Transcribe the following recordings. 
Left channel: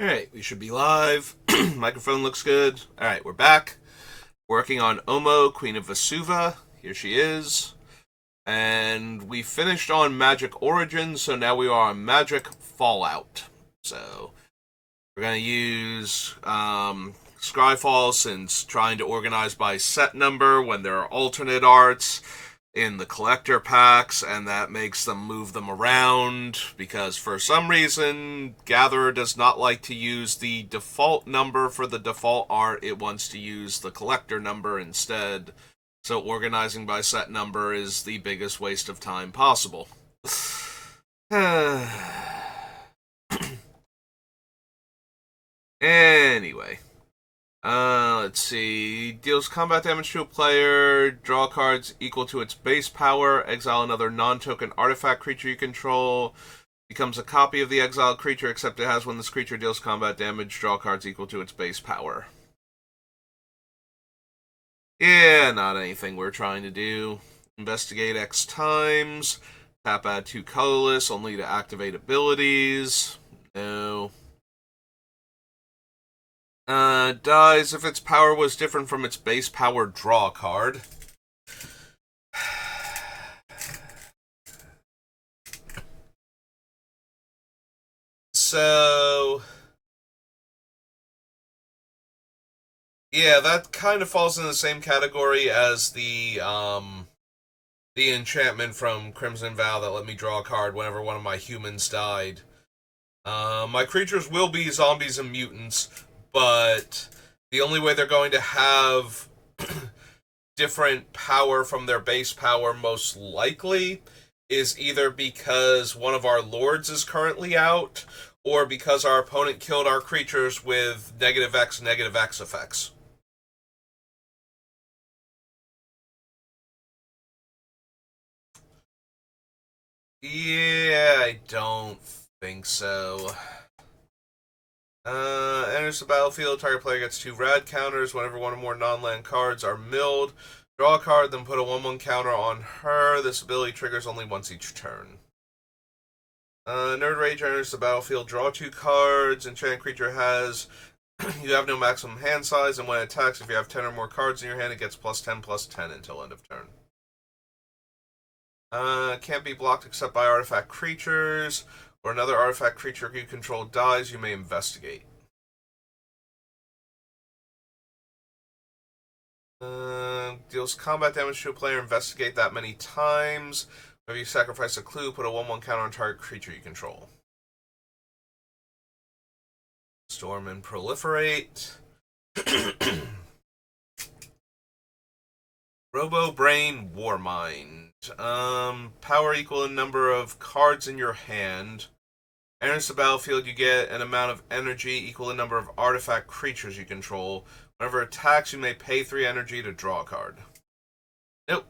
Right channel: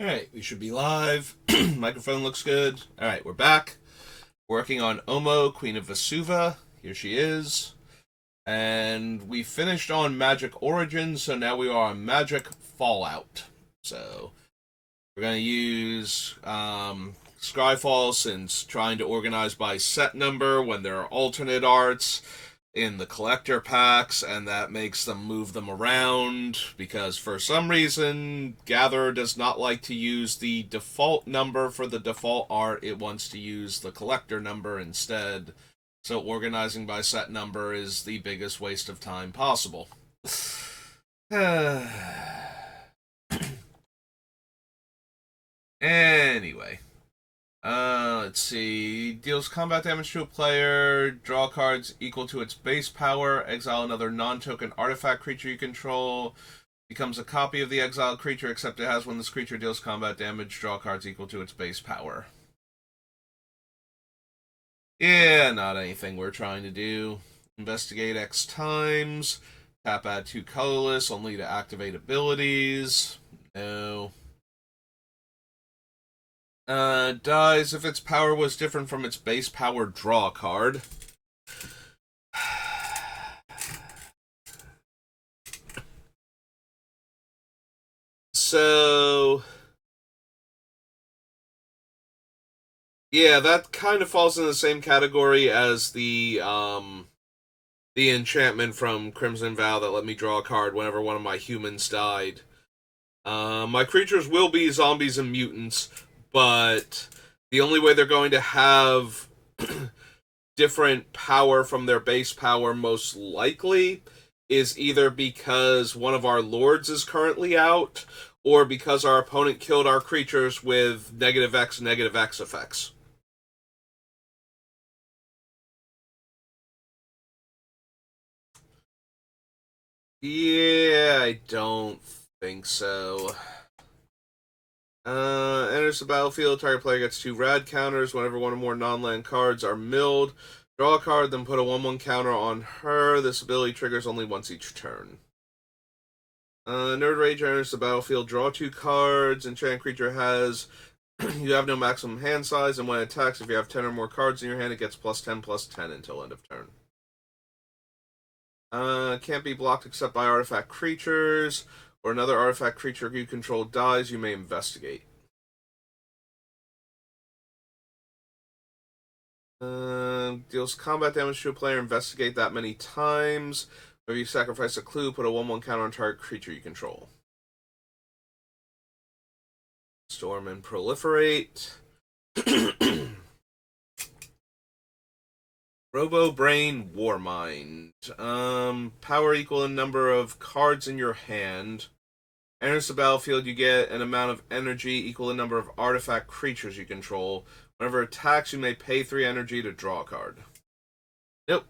Alright, we should be live. Microphone looks good. Alright, we're back. Working on Omo, Queen of Vesuva. Here she is. And we finished on Magic Origins, so now we are on Magic Fallout. So, we're going to use Scryfall since trying to organize by set number when there are alternate arts in the collector packs, and that makes them move them around because for some reason Gatherer does not like to use the default number for the default art. It wants to use the collector number instead. So organizing by set number is the biggest waste of time possible. Anyway, let's see. Deals combat damage to a player. Draw cards equal to its base power. Exile another non-token artifact creature you control. Becomes a copy of the exiled creature, except it has when this creature deals combat damage. Draw cards equal to its base power. Yeah, not anything we're trying to do. Investigate X times. Tap add 2 colorless, only to activate abilities. No. Dies if its power was different from its base power, draw a card. So, yeah, that kind of falls in the same category as the enchantment from Crimson Vow that let me draw a card whenever one of my humans died. My creatures will be zombies and mutants, but the only way they're going to have different power from their base power, most likely, is either because one of our lords is currently out, or because our opponent killed our creatures with negative X effects. Yeah, I don't think so. Enters the battlefield. Target player gets 2 rad counters whenever one or more non-land cards are milled. Draw a card, then put a 1/1 counter on her. This ability triggers only once each turn. Nerd Rage enters the battlefield. Draw 2 cards. Enchanted creature has. You have no maximum hand size, and when it attacks, if you have 10 or more cards in your hand, it gets +10/+10 until end of turn. Can't be blocked except by artifact creatures, or another artifact creature you control dies, you may investigate. Deals combat damage to a player, investigate that many times. If you sacrifice a clue, put a 1/1 counter on target creature you control. Storm and proliferate. Robo Brain Warmind. Power equal to number of cards in your hand. Enters the battlefield, you get an amount of energy equal to number of artifact creatures you control. Whenever it attacks, you may pay 3 energy to draw a card. Nope.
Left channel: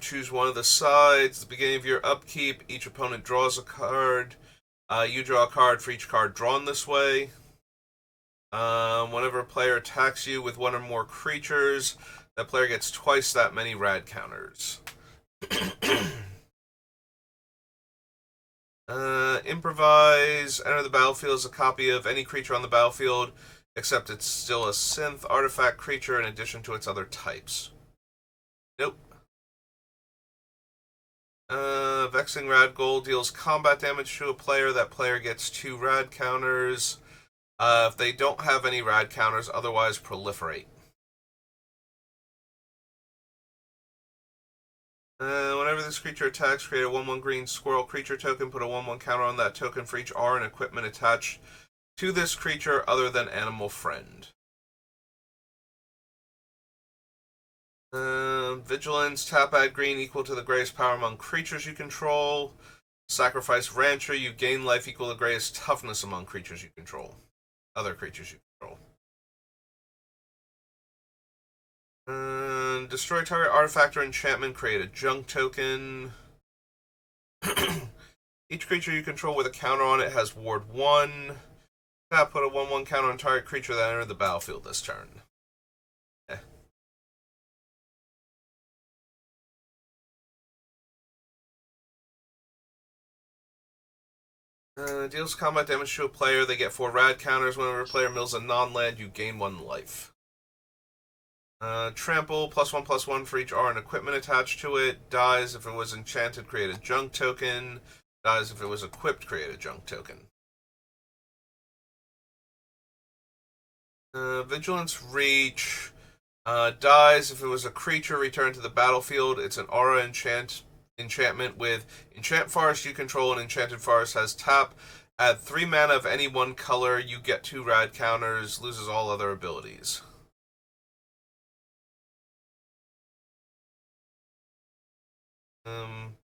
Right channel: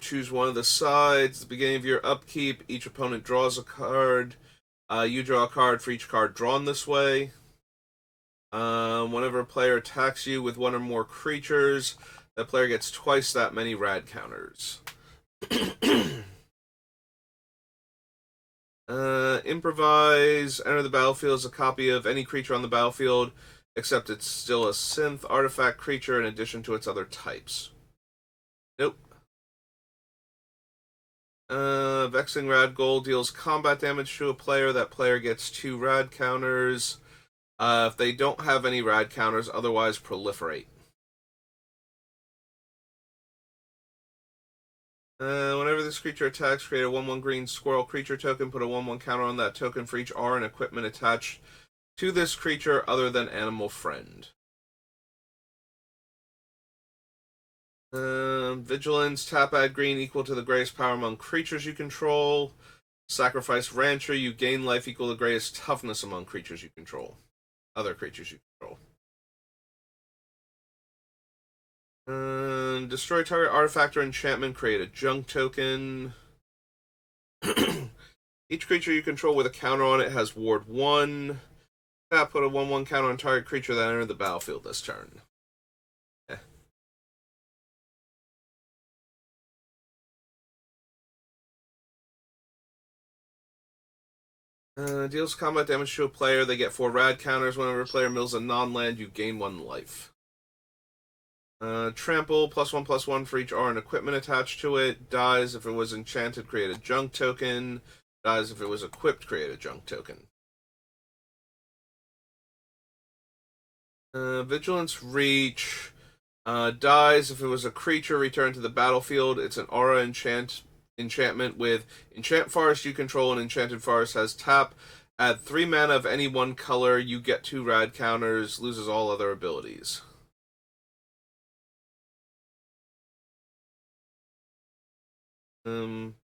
Choose one of the sides. At the beginning of your upkeep, each opponent draws a card. You draw a card for each card drawn this way. Whenever a player attacks you with one or more creatures, that player gets twice that many rad counters. Improvise. Enter the battlefield as a copy of any creature on the battlefield, except it's still a synth artifact creature in addition to its other types. Nope. Vexing Rad Gold deals combat damage to a player. That player gets 2 rad counters. If they don't have any rad counters, otherwise proliferate. Whenever this creature attacks, create a 1/1 green squirrel creature token. Put a 1/1 counter on that token for each R and equipment attached to this creature other than Animal Friend. Vigilance, tap add green equal to the greatest power among creatures you control. Sacrifice Rancher, you gain life equal to the greatest toughness among creatures you control. Other creatures you control. Destroy target artifact or enchantment, create a junk token. Each creature you control with a counter on it has Ward 1. Tap, put a 1/1 counter on target creature that entered the battlefield this turn. Deals combat damage to a player. They get 4 rad counters. Whenever a player mills a non-land, you gain 1 life. Trample, +1/+1 for each R and equipment attached to it. Dies if it was enchanted, create a junk token. Dies if it was equipped, create a junk token. Vigilance Reach. Dies if it was a creature returned to the battlefield. It's an aura enchantment with Enchant Forest you control, and Enchanted Forest has tap. Add 3 mana of any one color. You get 2 rad counters. Loses all other abilities.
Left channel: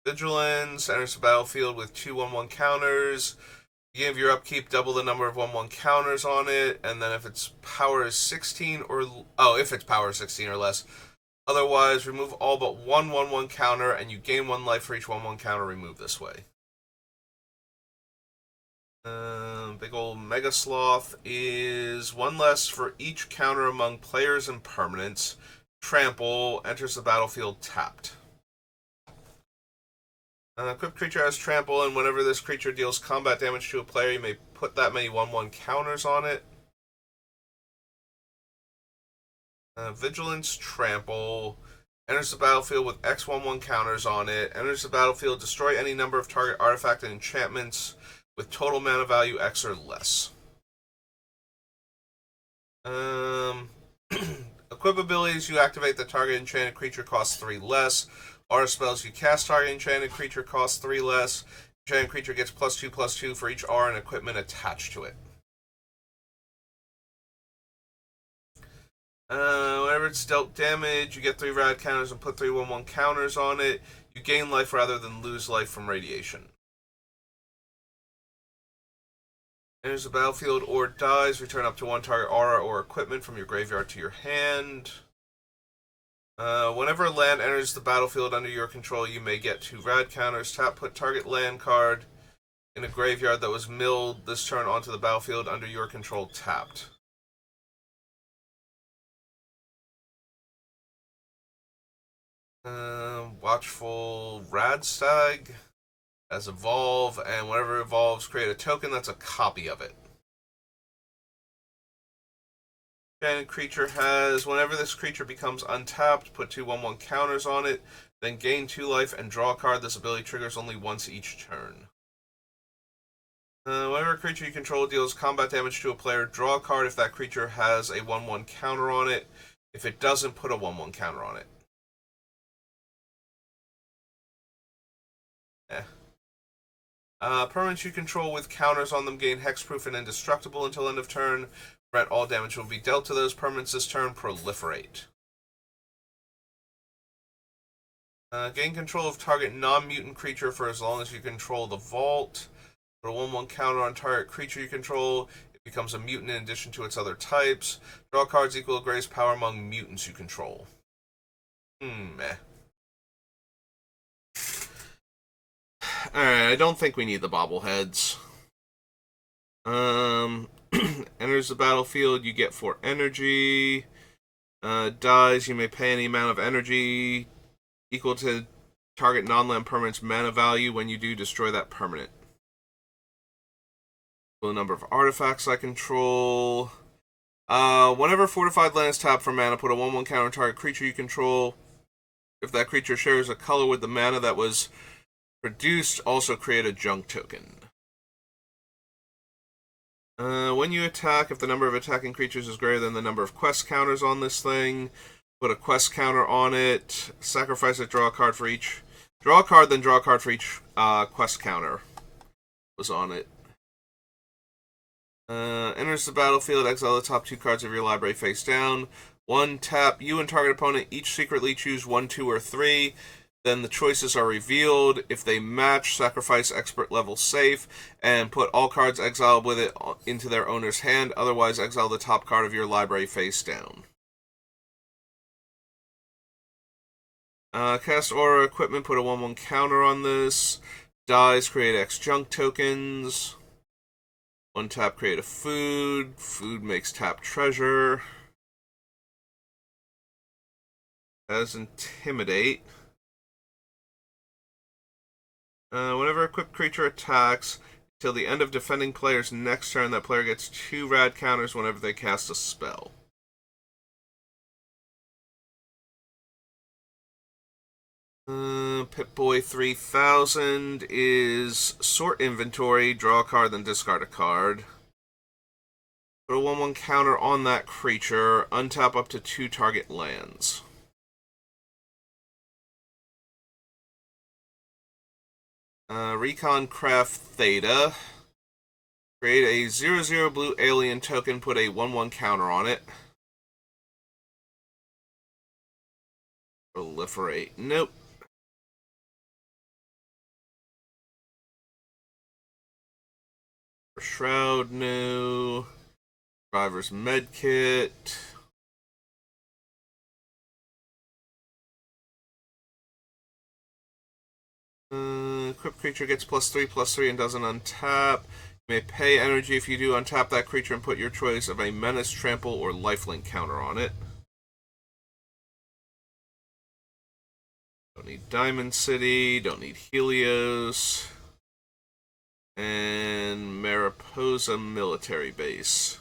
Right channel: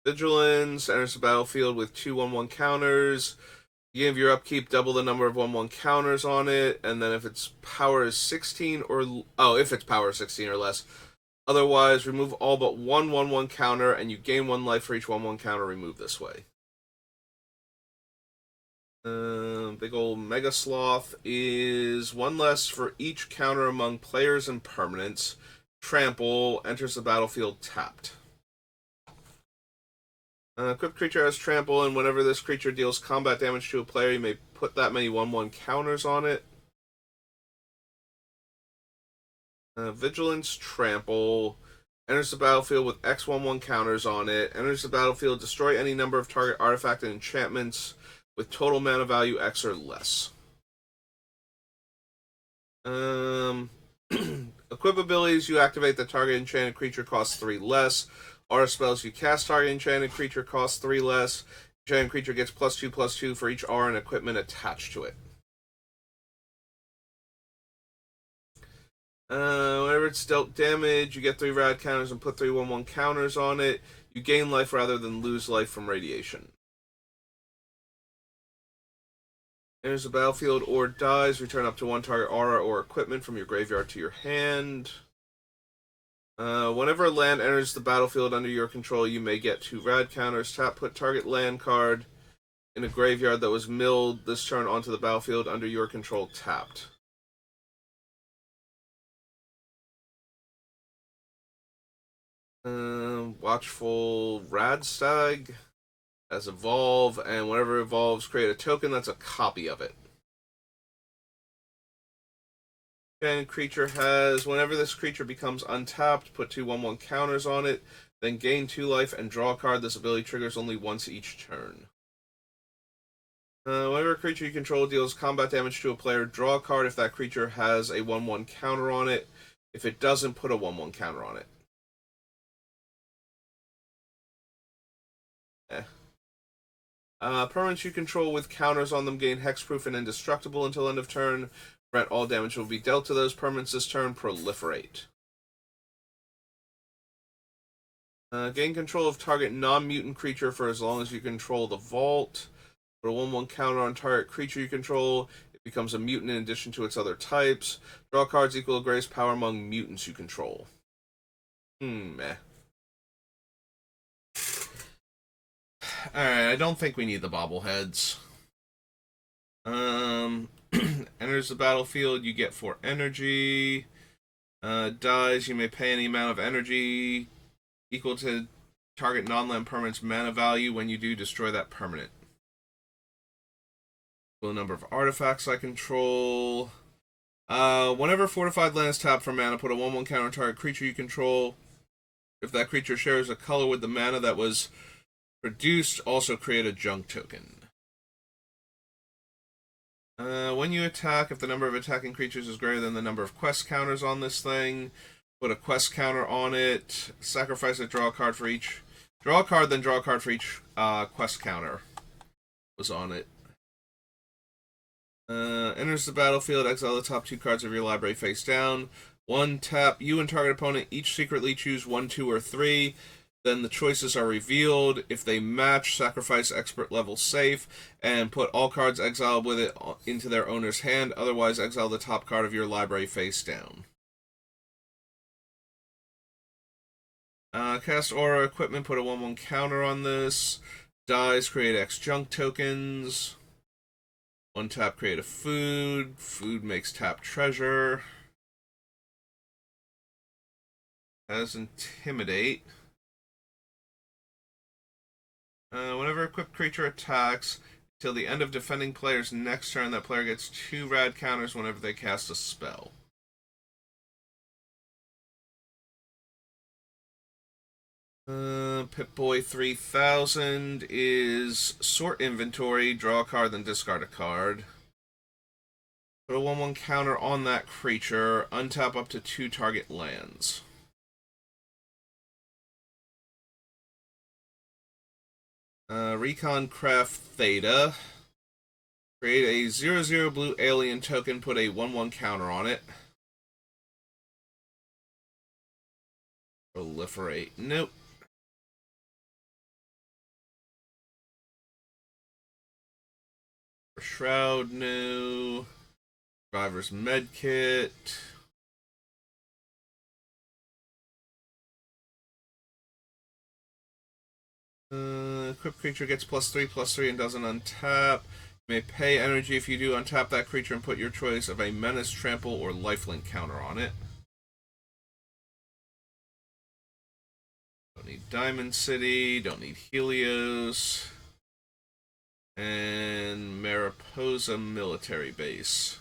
Vigilance enters the battlefield with 2 1/1 counters. You give your upkeep double the number of 1/1 counters on it, and then if its power is 16 or if its power is 16 or less. Otherwise, remove all but 1 1/1 counter, and you gain 1 life for each 1/1 counter removed this way. Big ol' Mega Sloth is 1 less for each counter among players and permanents. Trample enters the battlefield tapped. Equipped creature has trample, and whenever this creature deals combat damage to a player, you may put that many 1/1 counters on it. Vigilance trample enters the battlefield with X 1/1 counters on it. Enters the battlefield, destroy any number of target artifact and enchantments with total mana value X or less. Equip abilities, you activate the target enchanted creature costs 3 less. Aura spells, you cast target enchanted creature costs 3 less. Enchanted creature gets +2/+2 for each aura and equipment attached to it. Whenever it's dealt damage, you get 3 rad counters and put 3 1/1 counters on it. You gain life rather than lose life from radiation. Enters the battlefield or dies, return up to 1 target aura or equipment from your graveyard to your hand. Whenever a land enters the battlefield under your control, you may get 2 rad counters. Tap, put target land card in a graveyard that was milled this turn onto the battlefield under your control tapped. Watchful Radstag as evolve, and whenever it evolves, create a token that's a copy of it. And creature has, whenever this creature becomes untapped, put 2 1/1 counters on it, then gain 2 life and draw a card. This ability triggers only once each turn. Whenever a creature you control deals combat damage to a player, draw a card if that creature has a 1/1 counter on it. If it doesn't, put a 1/1 counter on it. Permanents you control with counters on them gain hexproof and indestructible until end of turn. Prevent all damage will be dealt to those permanents this turn. Proliferate. Gain control of target non-mutant creature for as long as you control the vault. Put a 1/1 counter on target creature you control. It becomes a mutant in addition to its other types. Draw cards equal to greatest power among mutants you control. Meh. Alright, I don't think we need the bobbleheads. Enters the battlefield, you get 4 energy. Dies, you may pay any amount of energy equal to target non-land permanent's mana value. When you do, destroy that permanent. The number of artifacts I control. Whenever fortified land is tapped for mana, put a 1/1 counter on target creature you control. If that creature shares a color with the mana that was produced, also create a junk token. When you attack, if the number of attacking creatures is greater than the number of quest counters on this thing, put a quest counter on it. Sacrifice it, draw a card for each. Draw a card, then draw a card for each quest counter was on it. Enters the battlefield, exile the top 2 cards of your library face down. 1 tap, you and target opponent each secretly choose 1, 2, or 3. Then the choices are revealed. If they match, sacrifice expert level safe and put all cards exiled with it into their owner's hand. Otherwise, exile the top card of your library face down. Cast aura equipment, put a 1/1 counter on this. Dies, create X junk tokens. 1 tap, create a food. Food makes tap treasure. Has intimidate. Whenever equipped creature attacks, Till the end of defending player's next turn, that player gets 2 rad counters whenever they cast a spell. Pip-Boy 3000 is sort inventory, draw a card, then discard a card. Put a 1/1 counter on that creature, untap up to 2 target lands. Recon Craft Theta. Create a 0/0 blue alien token, put a 1/1 counter on it. Proliferate. Nope. Shroud, no. Survivor's Medkit. Equipped creature gets +3/+3 and doesn't untap. You may pay energy if you do untap that creature and put your choice of a menace, trample, or lifelink counter on it. Don't need Diamond City, don't need Helios. And Mariposa Military Base.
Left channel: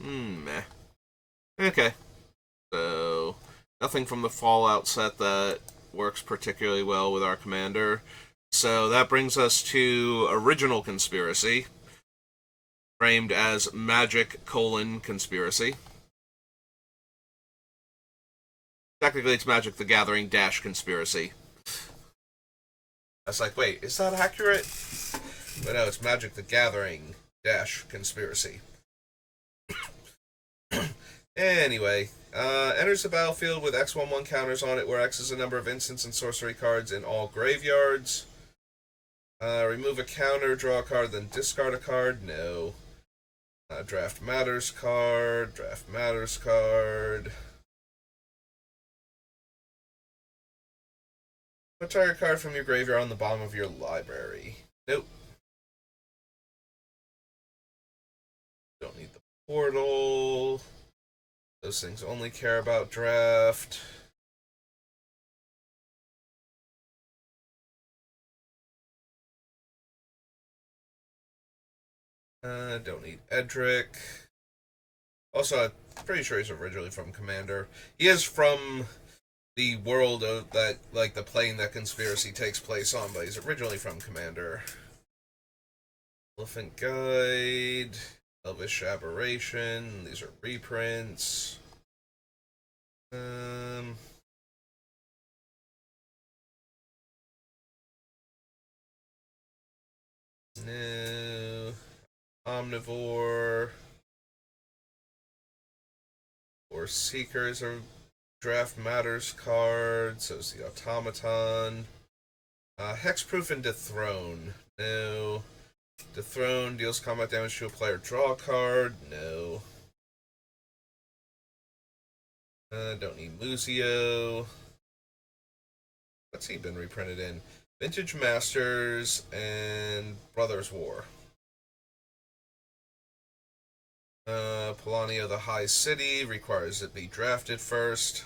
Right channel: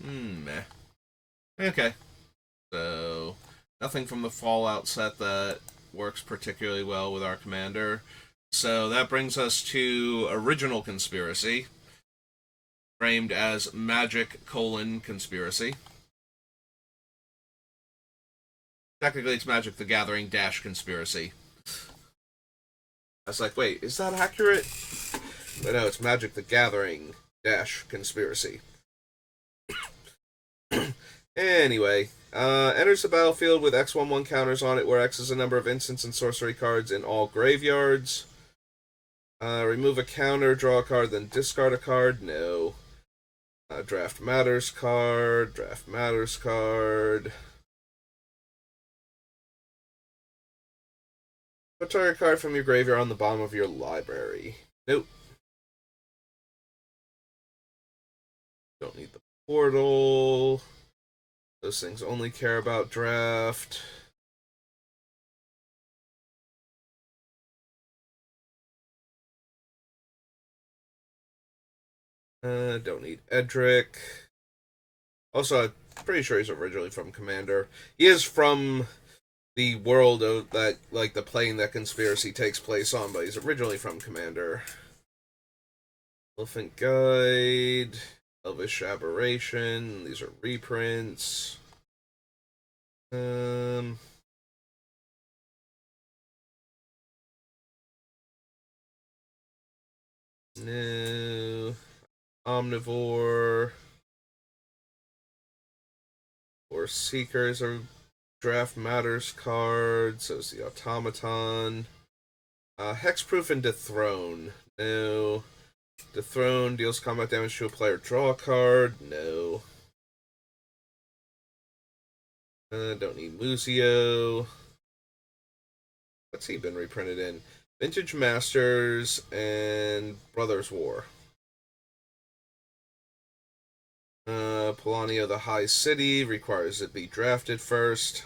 Meh. Okay. So, nothing from the Fallout set that works particularly well with our commander. So that brings us to Original Conspiracy, framed as Magic: Conspiracy. Technically, it's Magic the Gathering - Conspiracy. I was like, wait, is that accurate? But no, it's Magic the Gathering - Conspiracy. Anyway, enters the battlefield with X/1/1 counters on it, where X is the number of instants and sorcery cards in all graveyards. Remove a counter, draw a card, then discard a card. No. Draft Matters card, Draft Matters card. Put target card from your graveyard on the bottom of your library. Nope. Don't need the portal. Those things only care about draft. Don't need Edric. Also, I'm pretty sure he's originally from Commander. He is from the world of that, like the plane that Conspiracy takes place on, but he's originally from Commander. Elephant Guide, Elvish Aberration. These are reprints. No. Omnivore. Or Seekers are Draft Matters cards. So is the Automaton. Hexproof and Dethrone. No. Dethrone deals combat damage to a player. Draw a card. No. Don't need Muzio. What's he been reprinted in? Vintage Masters and Brothers War. Polania the High City requires it be drafted first.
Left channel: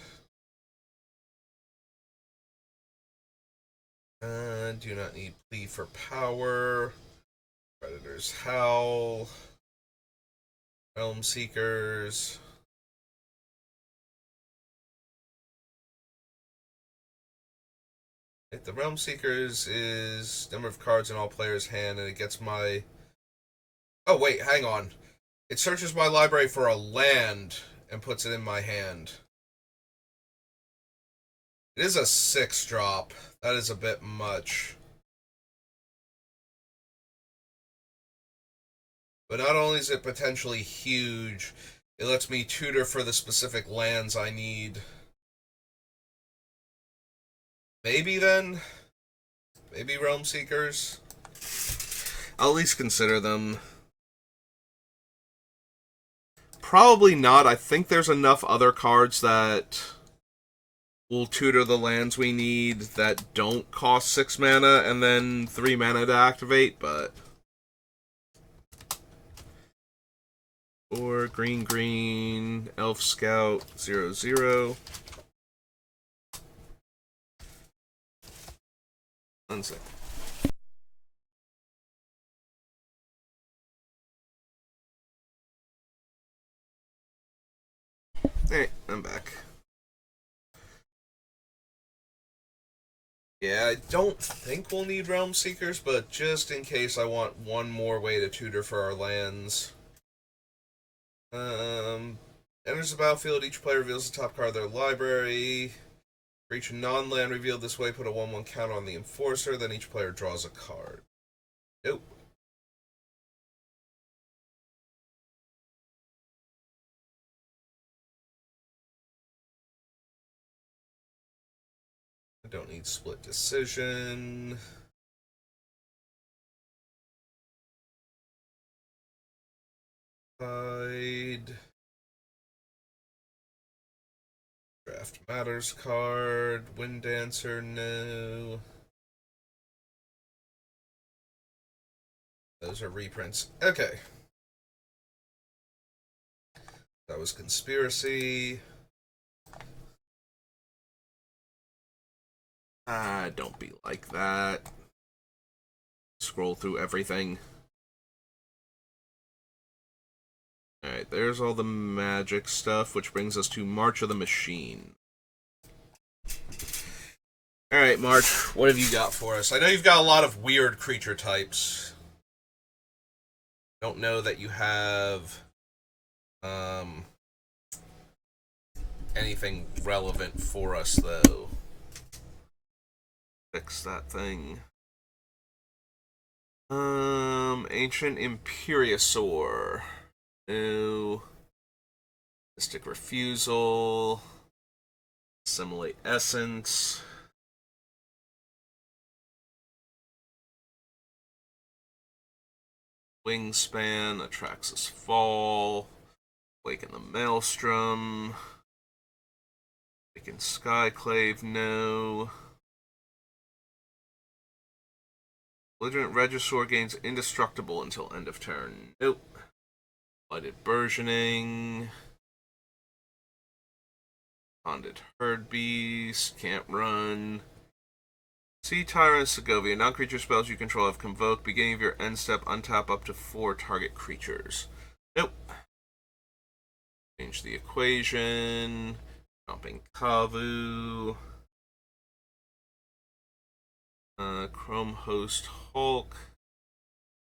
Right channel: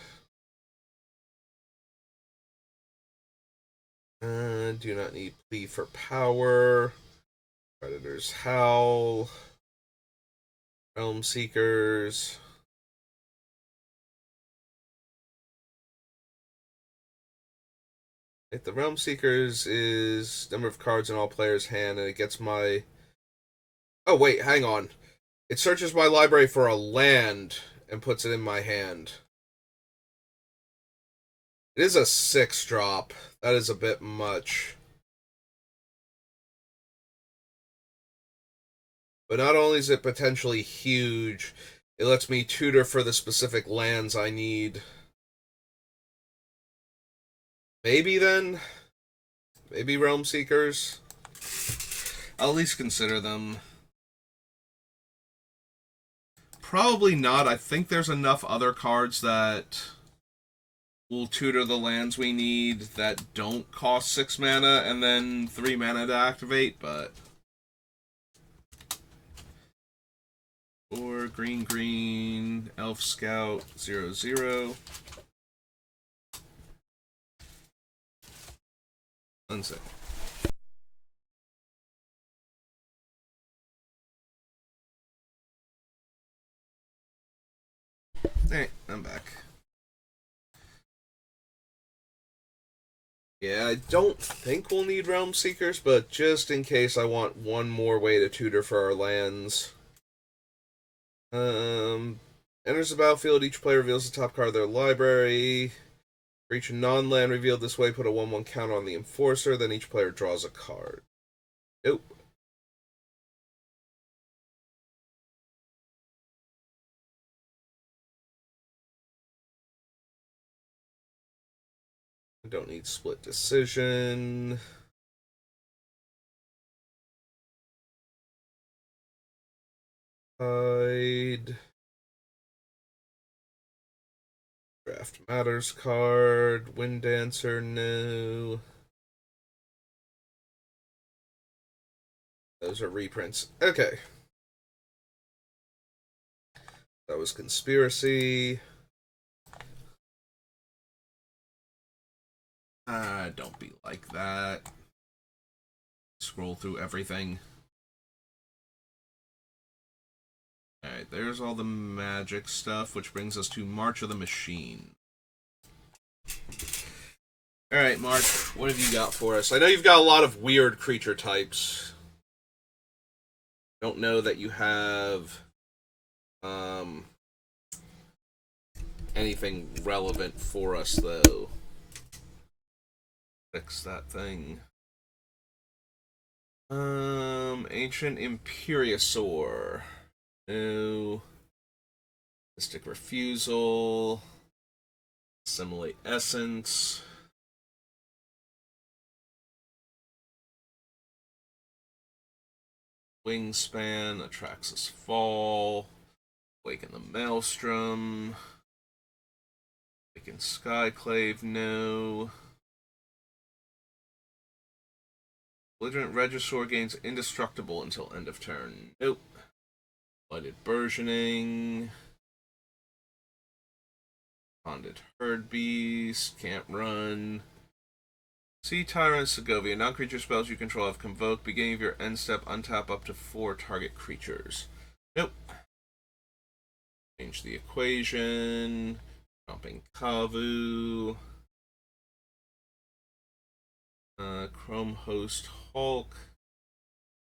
Do not need Plea for Power. Predators Howl. Realm Seekers. If the Realm Seekers is number of cards in all players' hand, and it gets my... Oh, wait, hang on. It searches my library for a land and puts it in my hand. It is a 6-drop. That is a bit much. But not only is it potentially huge, it lets me tutor for the specific lands I need. Maybe then? Maybe Realm Seekers? I'll at least consider them. Probably not. I think there's enough other cards that will tutor the lands we need that don't cost 6 mana and then 3 mana to activate, but... Or green, Elf Scout, 0/0. One sec. Hey, I'm back. Yeah, I don't think we'll need Realm Seekers, but just in case, I want one more way to tutor for our lands. Enters the battlefield, each player reveals the top card of their library. For each non-land revealed this way, put a 1/1 count on the Enforcer, then each player draws a card. Nope. I don't need split decision. Hide. Draft Matters card. Wind Dancer, no. Those are reprints. Okay. That was Conspiracy. Don't be like that. Scroll through everything. Alright, there's all the magic stuff, which brings us to March of the Machine. Alright, March, what have you got for us? I know you've got a lot of weird creature types. Don't know that you have anything relevant for us, though. Fix that thing. Ancient Imperiosaur. No. Mystic Refusal. Assimilate Essence. Wingspan. Atraxas Fall. Waken the Maelstrom. Waken Skyclave. No. Belligerent Regisaur gains indestructible until end of turn. Nope. Blighted Burgeoning. Bonded Herd Beast. Can't run. Sea Tyrant Segovia. Non-creature spells you control have Convoke. Beginning of your end step, untap up to 4 target creatures. Nope. Change the equation. Jumping Kavu. Chrome Host Hulk.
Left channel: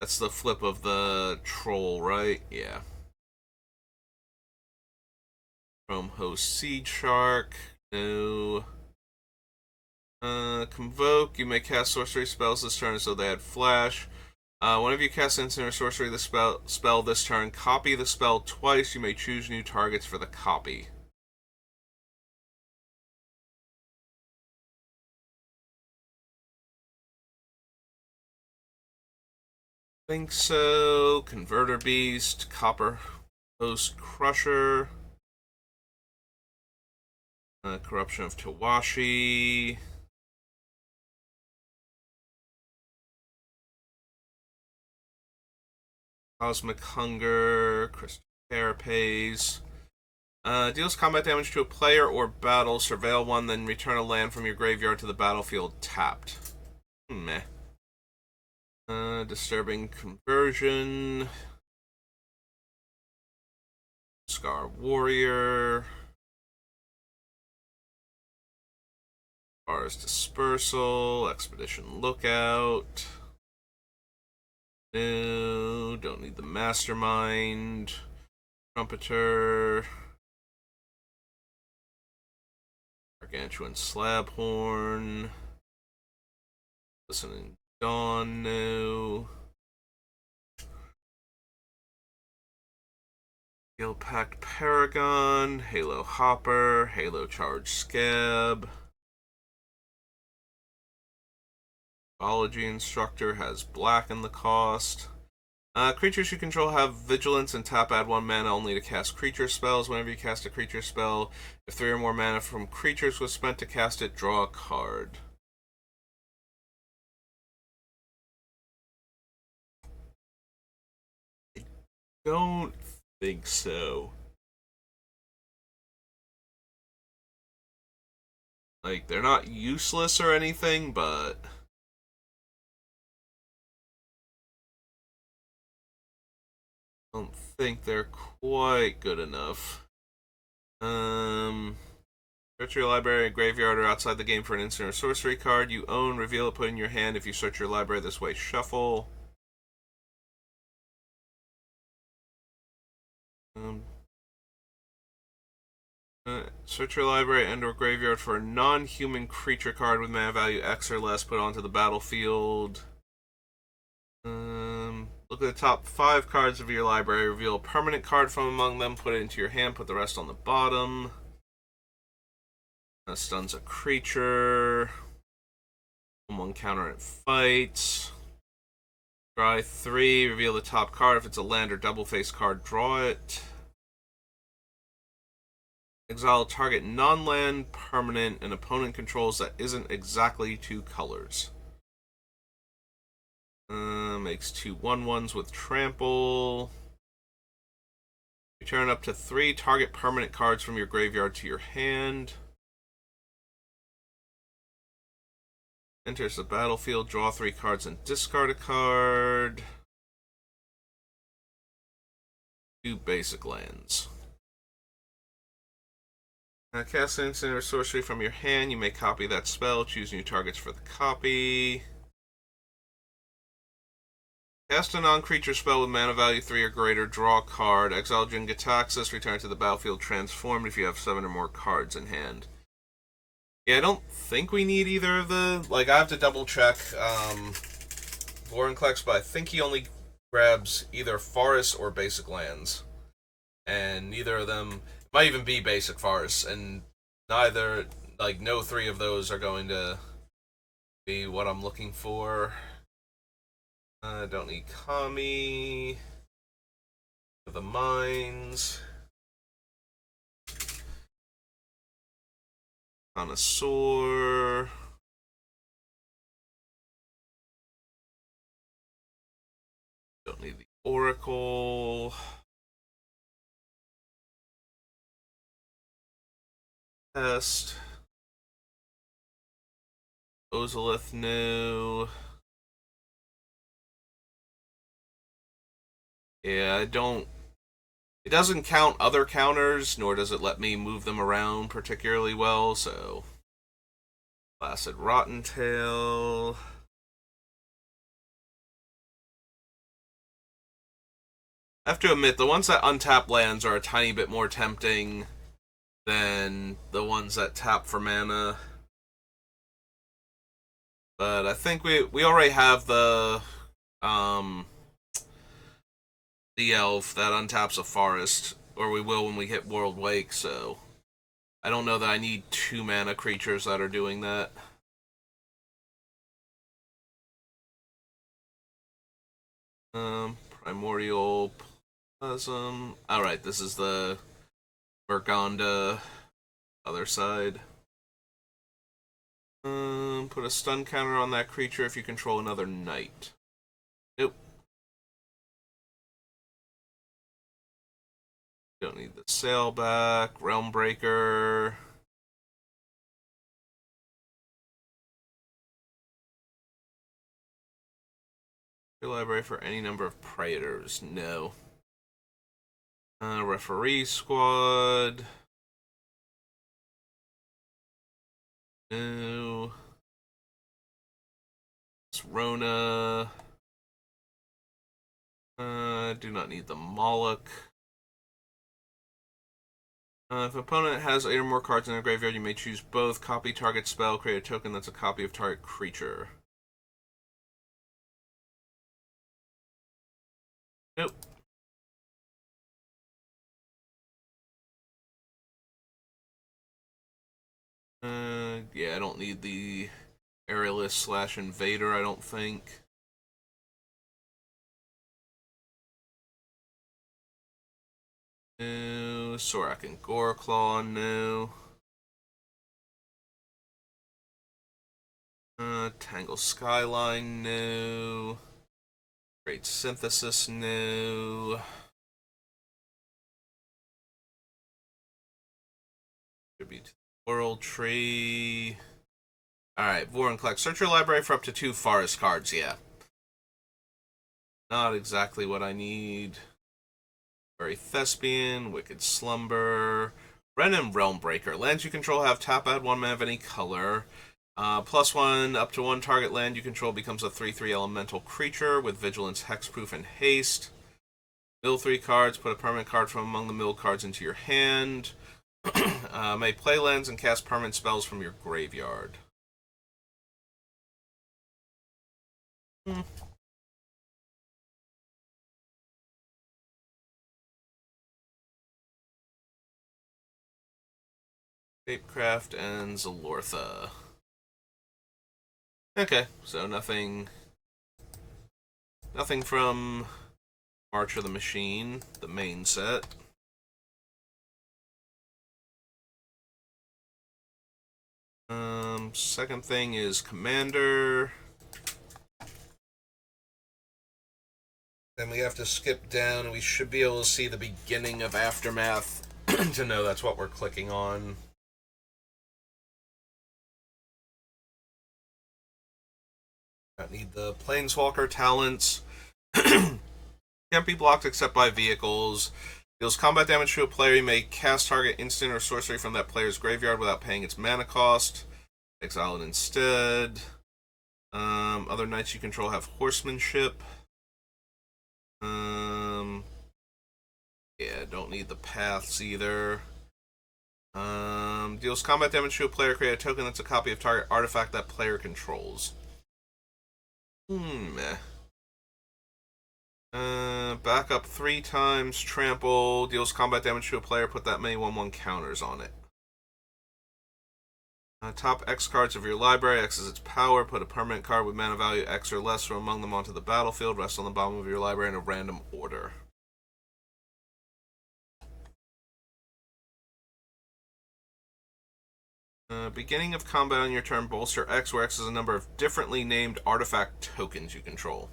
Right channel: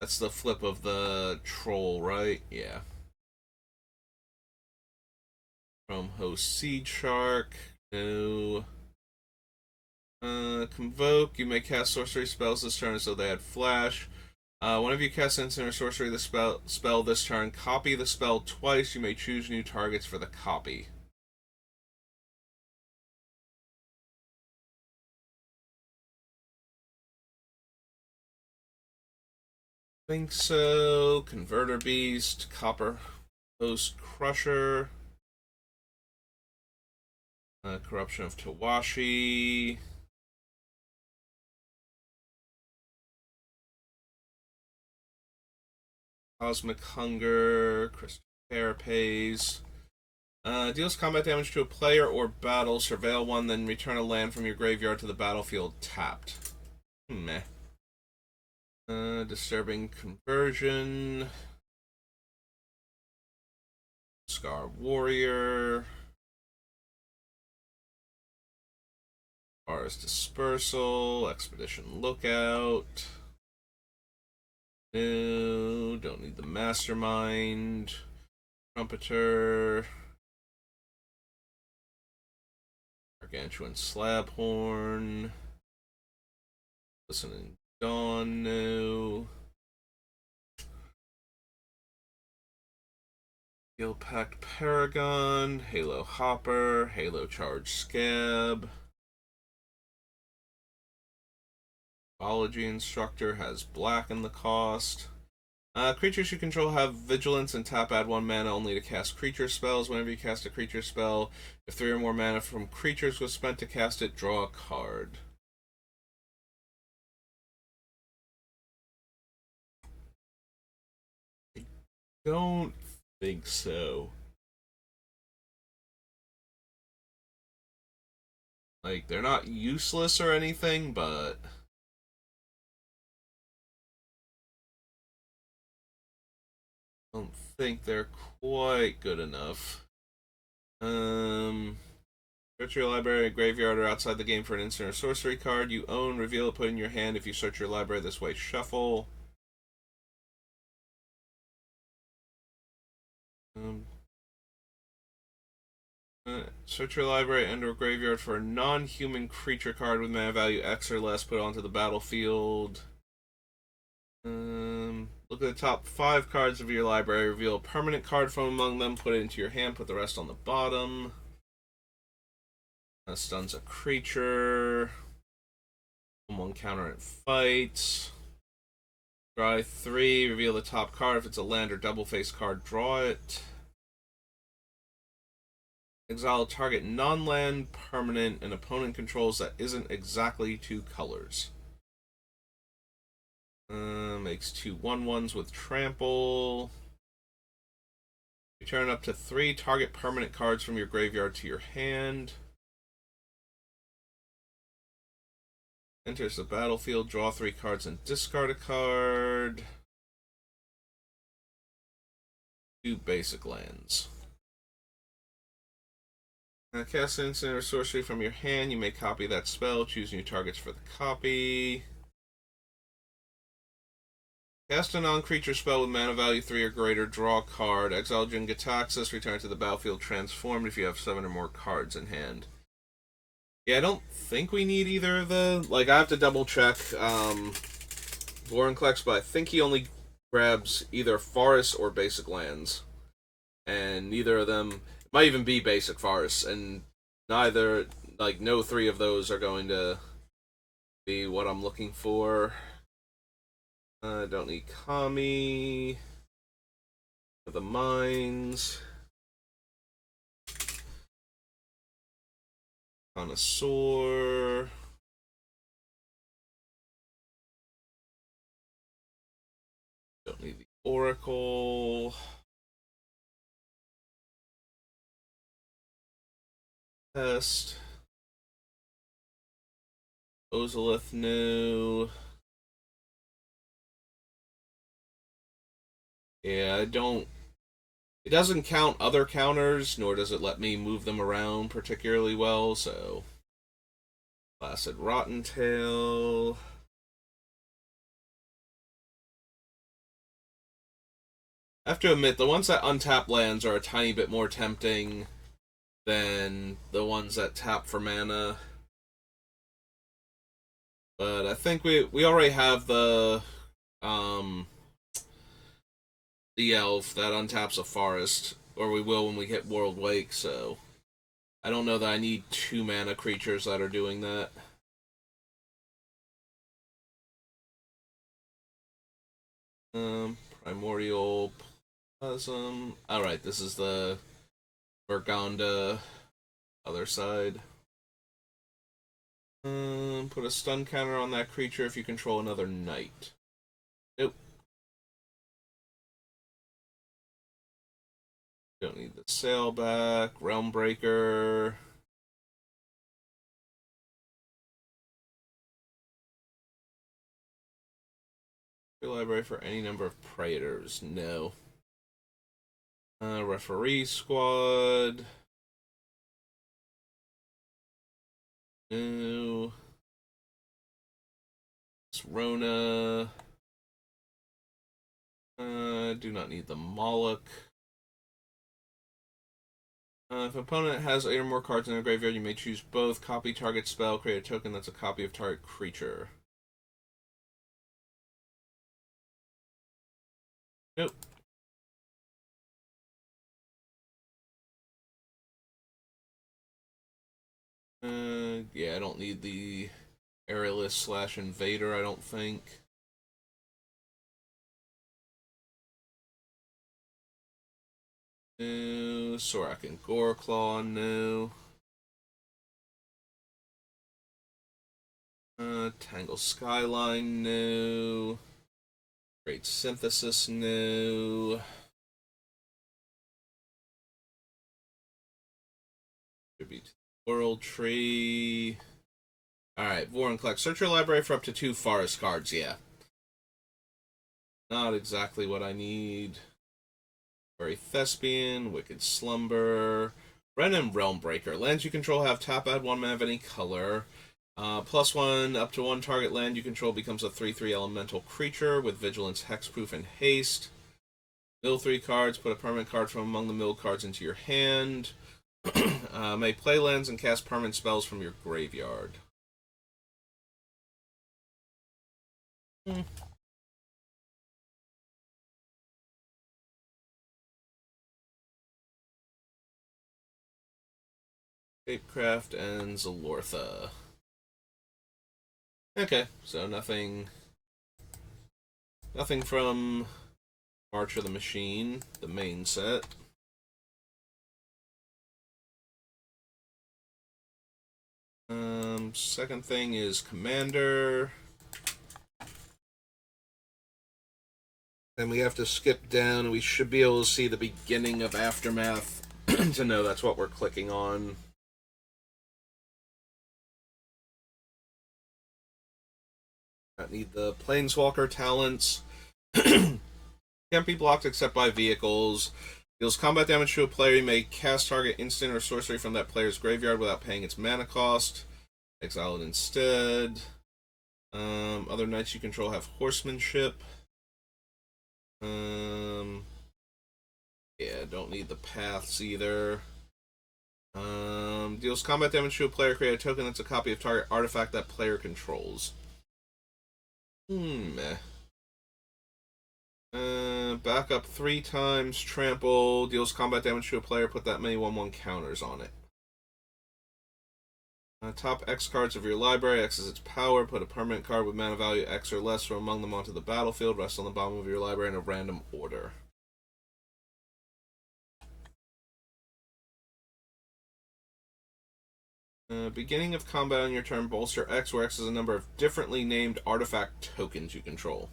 That's the flip of the troll, right? Yeah. Chrome Host Seed Shark. No. Convoke. You may cast sorcery spells this turn, so they had flash. Whenever you cast instant or sorcery the spell this turn, copy the spell twice. You may choose new targets for the copy. Think so. Converter Beast, Copper Host Crusher, Corruption of Tawashi, Cosmic Hunger, Crystal Carapace. Deals combat damage to a player or battle. Surveil one, then return a land from your graveyard to the battlefield tapped. Meh. Disturbing Conversion. Scar Warrior. Forest Dispersal. Expedition Lookout. No, don't need the Mastermind. Trumpeter. Gargantuan Slabhorn. Listening Dawn, no. Gil Pact Paragon. Halo Hopper. Halo Charge Scab. Biology Instructor has black in the cost. Creatures you control have vigilance and tap add 1 mana only to cast creature spells. Whenever you cast a creature spell, if 3 or more mana from creatures was spent to cast it, draw a card. I don't think so. Like, they're not useless or anything, but think they're quite good enough. Search your library, graveyard, or outside the game for an instant or sorcery card you own. Reveal it, put it in your hand. If you search your library this way, shuffle. Search your library and/or graveyard for a non-human creature card with mana value X or less. Put it onto the battlefield. Look at the top 5 cards of your library. Reveal a permanent card from among them. Put it into your hand. Put the rest on the bottom. That stuns a creature. One counter it fights. Draw 3. Reveal the top card. If it's a land or double face card, draw it. Exile target non-land permanent an opponent controls that isn't exactly 2 colors. Makes 2 1/1s with trample. Return up to 3 target permanent cards from your graveyard to your hand. Enters the battlefield, draw 3 cards and discard a card. 2 basic lands. Cast an instant or sorcery from your hand. You may copy that spell. Choose new targets for the copy. Cast a non-creature spell with mana value 3 or greater. Draw a card. Exile Jin-Gitaxias. Return to the battlefield transformed if you have 7 or more cards in hand. Yeah, I don't think we need either of the... Like, I have to double check Vorinclex, but I think he only grabs either forests or basic lands. And neither of them... Might even be basic forests, and neither, like, no 3 of those are going to be what I'm looking for. I don't need Kami. The mines. Connoisseur. Don't need the Oracle. Test. Ozolith, no. Yeah, I don't... It doesn't count other counters, nor does it let me move them around particularly well, so... Placid Rottentail. I have to admit, the ones that untap lands are a tiny bit more tempting than the ones that tap for mana. But I think we already have the elf that untaps a forest, or we will when we hit World Wake, so I don't know that I need 2 mana creatures that are doing that. Primordial Plasm. Alright, this is the Vergonda other side. Put a stun counter on that creature if you control another knight. Nope. Don't need the Sailback, Realmbreaker. Your library for any number of Praetors. No. Referee Squad. No. It's Rona. Do not need the Moloch. If an opponent has 8 or more cards in their graveyard, you may choose both. Copy target spell, create a token that's a copy of target creature. Nope. Yeah, I don't need the Aerialist / Invader, I don't think. No. Sorak and Goreclaw, no. Tangle Skyline, no. Great Synthesis, no. Tribute World Tree. Alright, Vorinclex. Search your library for up to 2 forest cards, yeah. Not exactly what I need. Very Thespian, Wicked Slumber, Ren and Realmbreaker. Lands you control have tap add 1 mana of any color. +1, up to 1 target land you control becomes a 3/3 elemental creature with vigilance, hexproof, and haste. Mill 3 cards, put a permanent card from among the milled cards into your hand. May play lands and cast permanent spells from your graveyard. Shapecraft and Zalortha. Okay, so nothing from March of the Machine, the main set. Second thing is Commander. Then we have to skip down, and we should be able to see the beginning of Aftermath to know that's what we're clicking on. Don't need the Planeswalker talents. Can't be blocked except by vehicles. Deals combat damage to a player. You may cast target instant or sorcery from that player's graveyard without paying its mana cost. Exile it instead. Other knights you control have horsemanship. Yeah, don't need the paths either. Deals combat damage to a player. Create a token that's a copy of target artifact that player controls. Back up 3 times. Trample. Deals combat damage to a player. Put that many 1/1 counters on it. Top X cards of your library. X is its power. Put a permanent card with mana value X or less from among them onto the battlefield. Rest on the bottom of your library in a random order. Beginning of combat on your turn, bolster X, where X is a number of differently named artifact tokens you control.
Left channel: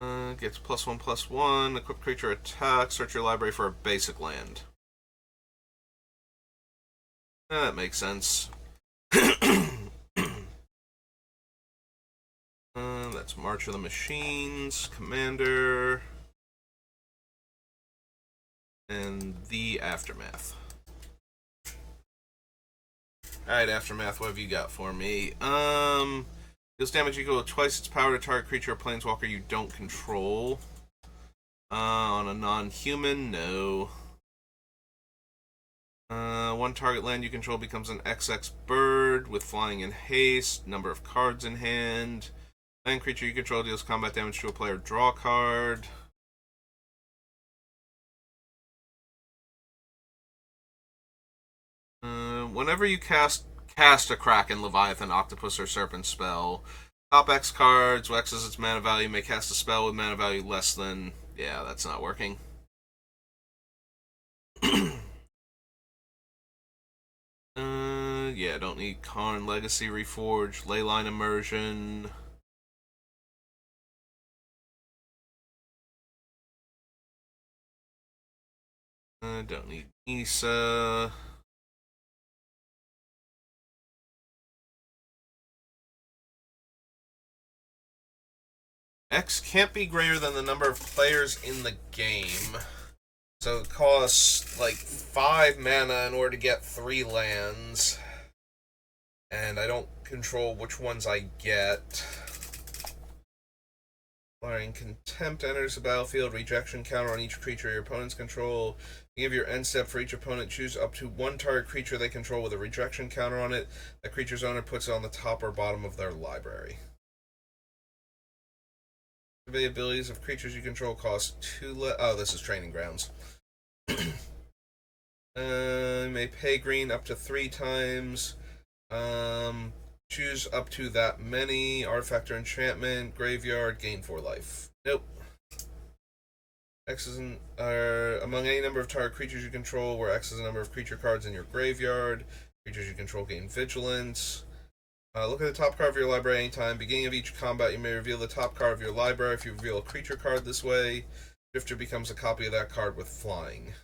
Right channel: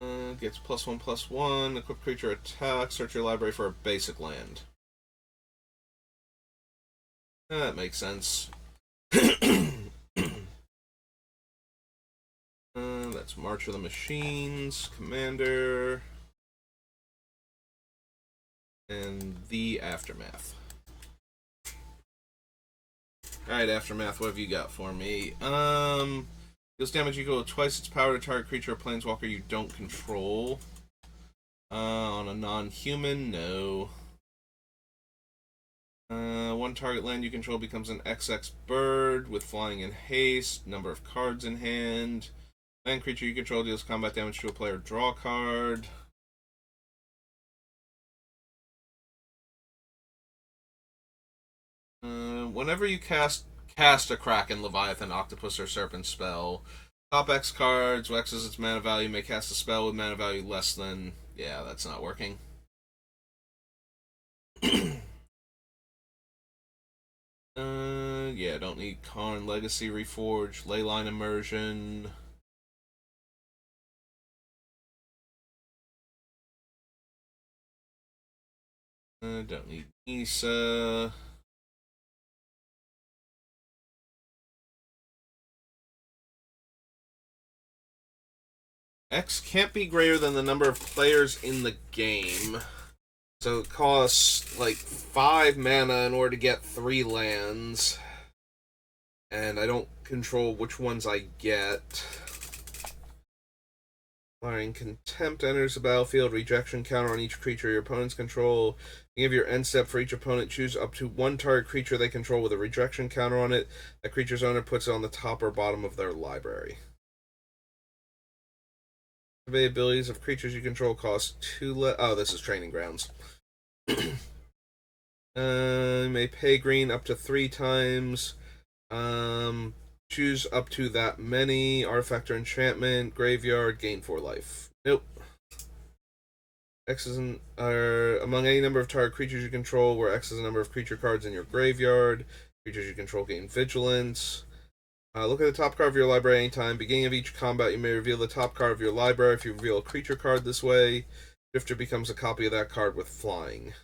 Gets +1/+1. Equip creature attack. Search your library for a basic land. That makes sense. That's March of the Machines, Commander, and the Aftermath. Alright, Aftermath, what have you got for me? Deals damage equal to twice its power to target creature or planeswalker you don't control. On a non-human, no. 1 target land you control becomes an XX bird with flying and haste. Number of cards in hand. Land creature you control deals combat damage to a player. Draw a card. Whenever you cast a Kraken, Leviathan, Octopus, or Serpent spell, top X cards, X is its mana value, may cast a spell with mana value less than... Yeah, that's not working. Yeah, don't need Karn Legacy Reforged, Leyline Immersion. Don't need Nisa. X can't be greater than the number of players in the game. So it costs like 5 mana in order to get 3 lands. And I don't control which ones I get. Flying Contempt enters the battlefield. Rejection counter on each creature your opponents control. You give your end step for each opponent. Choose up to 1 target creature they control with a rejection counter on it. That creature's owner puts it on the top or bottom of their library. Abilities of creatures you control cost 2 oh, this is Training Grounds. May pay green up to 3 times. Choose up to that many. Artifact or enchantment. Graveyard. Gain 4 life. Nope. X is among any number of target creatures you control, where X is a number of creature cards in your graveyard. Creatures you control gain vigilance. Look at the top card of your library anytime. Beginning of each combat, you may reveal the top card of your library. If you reveal a creature card this way, Drifter becomes a copy of that card with flying.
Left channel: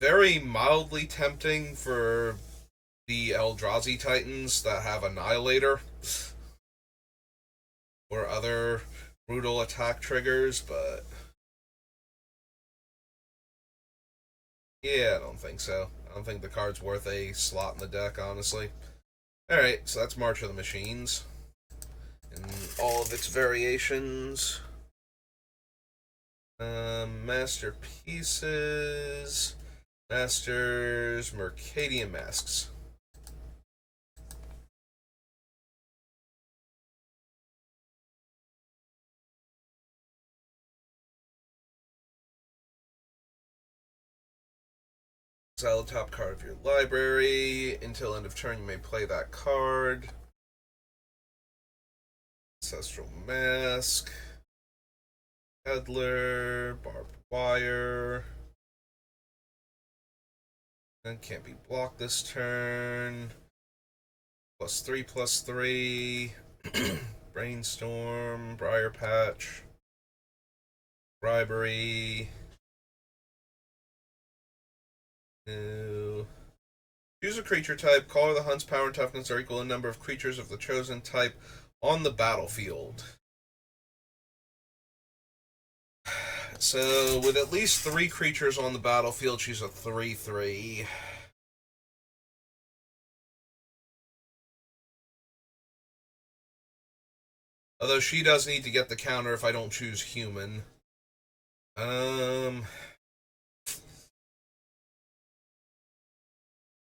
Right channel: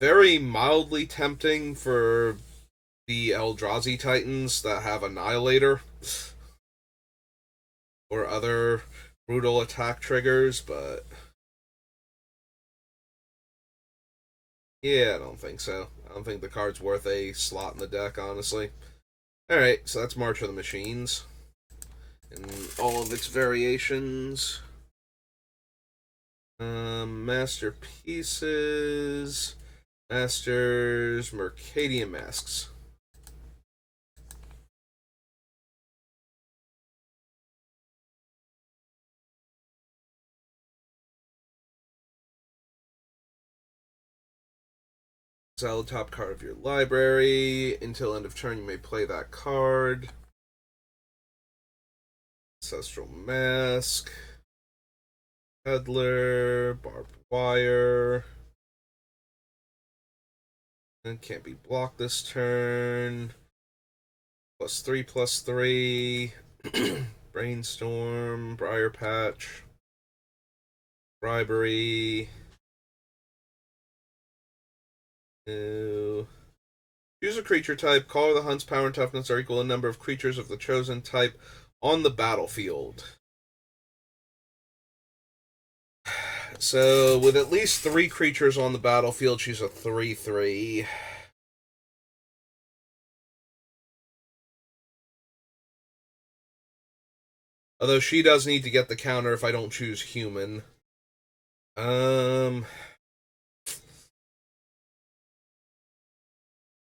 Very mildly tempting for the Eldrazi Titans that have Annihilator. or other brutal attack triggers, but yeah, I don't think so. I don't think the card's worth a slot in the deck, honestly. Alright, so that's March of the Machines. And all of its variations. Masterpieces. Masters. Mercadian Masks. Exile the top card of your library. Until end of turn, you may play that card. Ancestral Mask. Peddler. Barbed Wire. And can't be blocked this turn. +3/+3. Brainstorm. Briar Patch. Bribery. No. Choose a creature type. Color the hunt's power and toughness are equal to the number of creatures of the chosen type on the battlefield. So, with at least 3 creatures on the battlefield, she's a 3/3. Although she does need to get the counter if I don't choose human.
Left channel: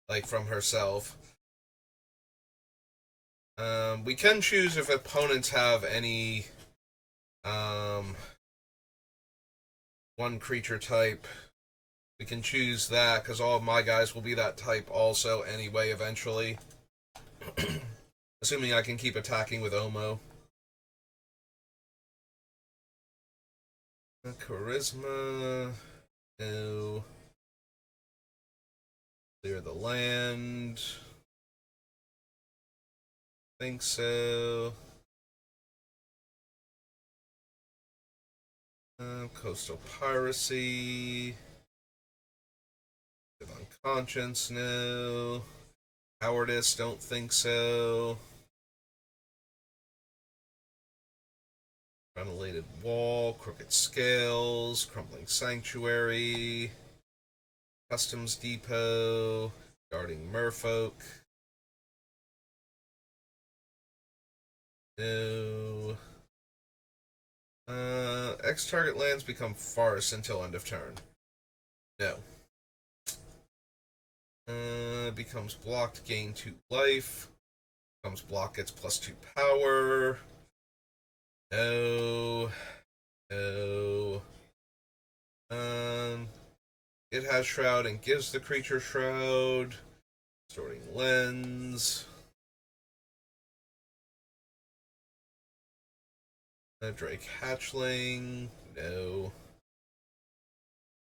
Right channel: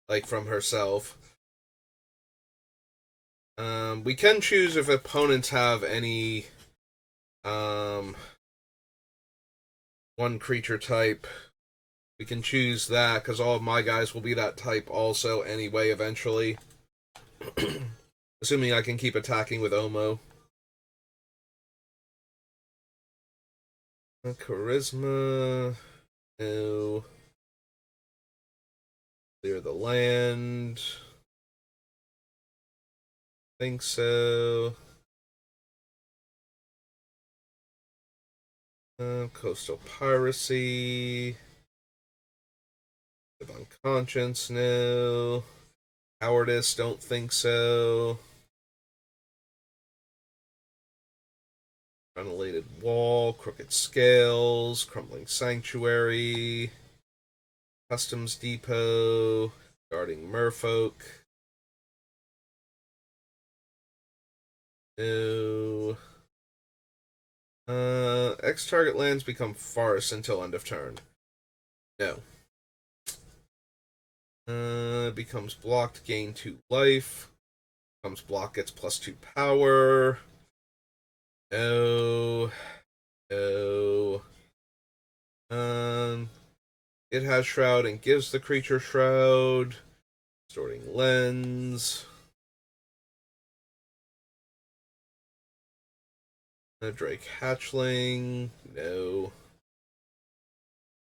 Like from herself. We can choose if opponents have any one creature type. We can choose that because all of my guys will be that type also anyway eventually. Assuming I can keep attacking with Omo. Charisma. No. Clear the land. Think so. Coastal Piracy. Live on Conscience, no. Cowardice, don't think so. Unrelated Wall, Crooked Scales, Crumbling Sanctuary, Customs Depot, Guarding Merfolk. No. X target lands become farce until end of turn. No. Becomes blocked, gain 2 life. Becomes blocked, gets +2 power. No. No. It has Shroud and gives the creature Shroud. Distorting Lens. Drake Hatchling. No.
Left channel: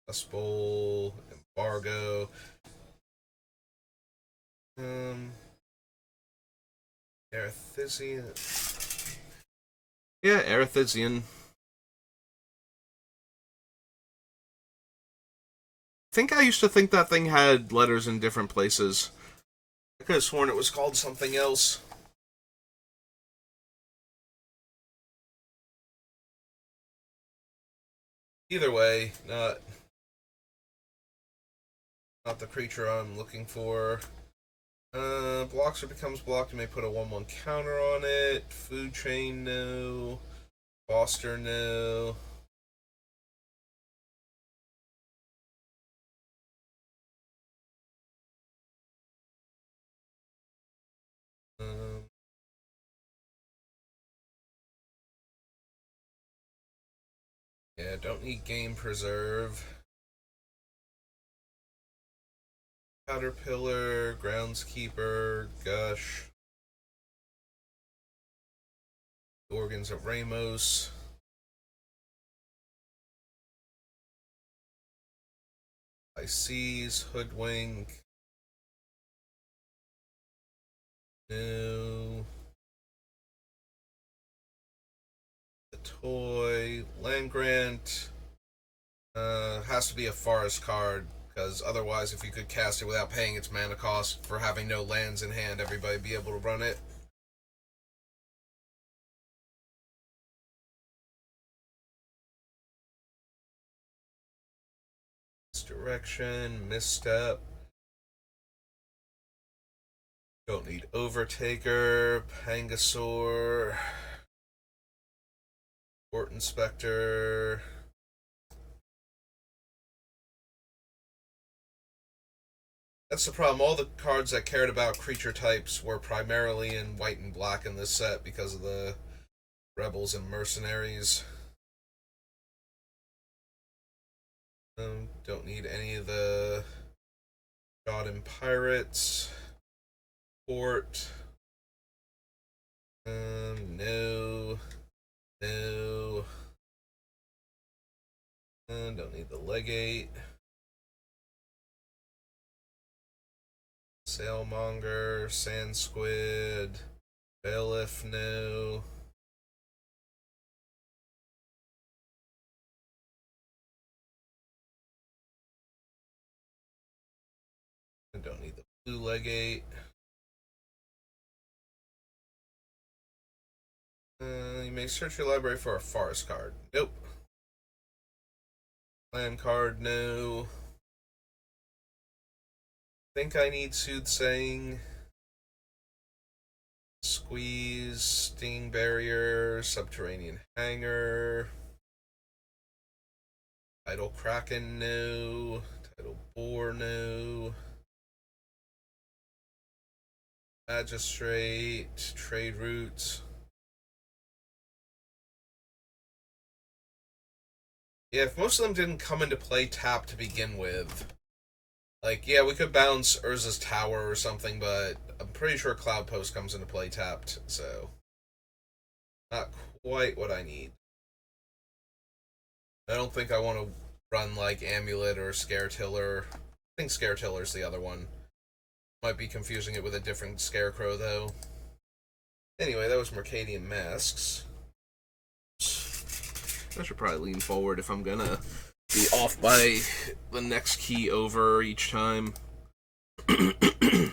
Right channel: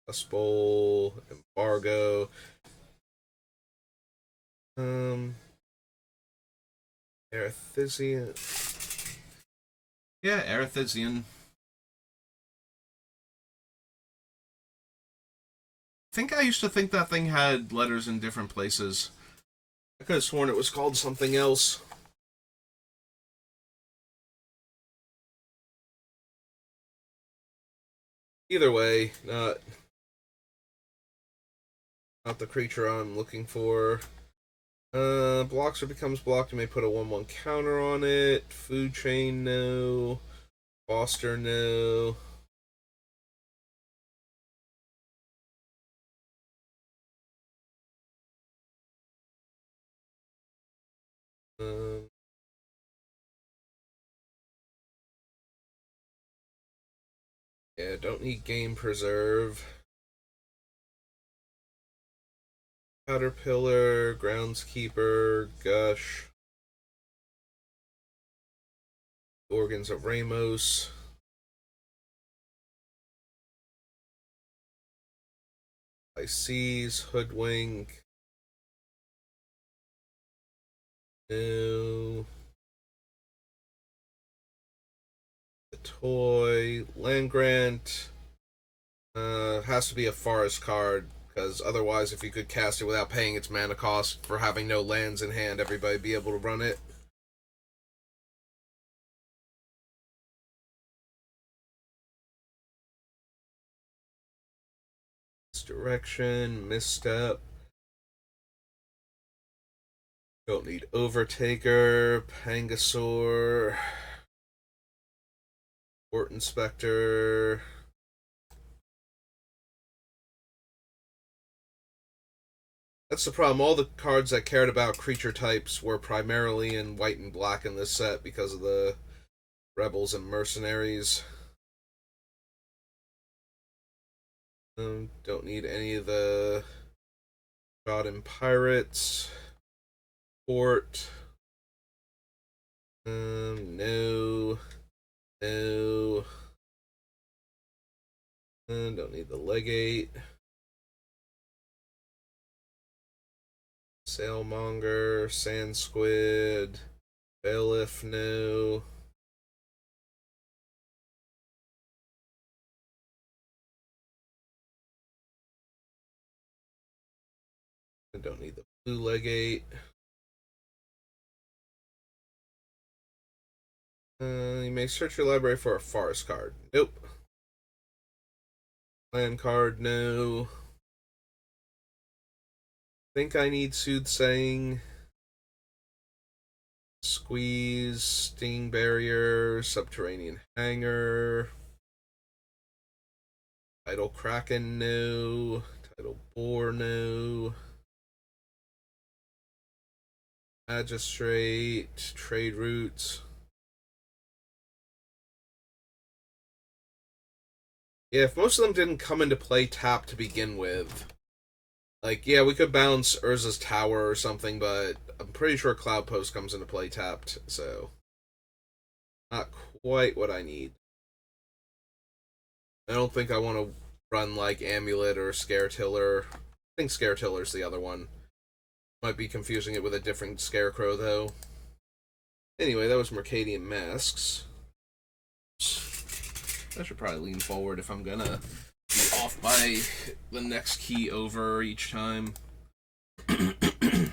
Dust Bowl. Embargo. Erethysian. Yeah, Erethysian. I think I used to think that thing had letters in different places. I could have sworn it was called something else. Either way, not the creature I'm looking for. Blocks or becomes blocked, you may put a 1/1 counter on it. Food Chain, no. Foster, no. Yeah, don't need Game Preserve. Caterpillar, Groundskeeper, Gush. Organs of Ramos. Pisces, Hoodwink. No. The Toy, Land Grant. Has to be a forest card, because otherwise, if you could cast it without paying its mana cost for having no lands in hand, everybody would be able to run it. Misdirection, misstep. Don't need Overtaker, Pangasaur, Port Inspector. That's the problem. All the cards that cared about creature types were primarily in white and black in this set because of the Rebels and Mercenaries. Don't need any of the God and Pirates. Port. No. No. Don't need the Legate. Sailmonger, Sand Squid, Bailiff, no. I don't need the Blue Legate. You may search your library for a forest card. Nope. Land card, no. Think I need Soothsaying. Squeeze, Sting Barrier, Subterranean Hanger. Tidal Kraken, no. Tidal Boar, no. Magistrate, Trade Routes. Yeah, if most of them didn't come into play tapped to begin with, like, yeah, we could bounce Urza's Tower or something, but I'm pretty sure Cloud Post comes into play tapped, so not quite what I need. I don't think I want to run, like, Amulet or Scaretiller. I think Scaretiller's the other one. Might be confusing it with a different Scarecrow, though. Anyway, that was Mercadian Masks. I should probably lean forward if I'm gonna be off by the next key over each time. Alright,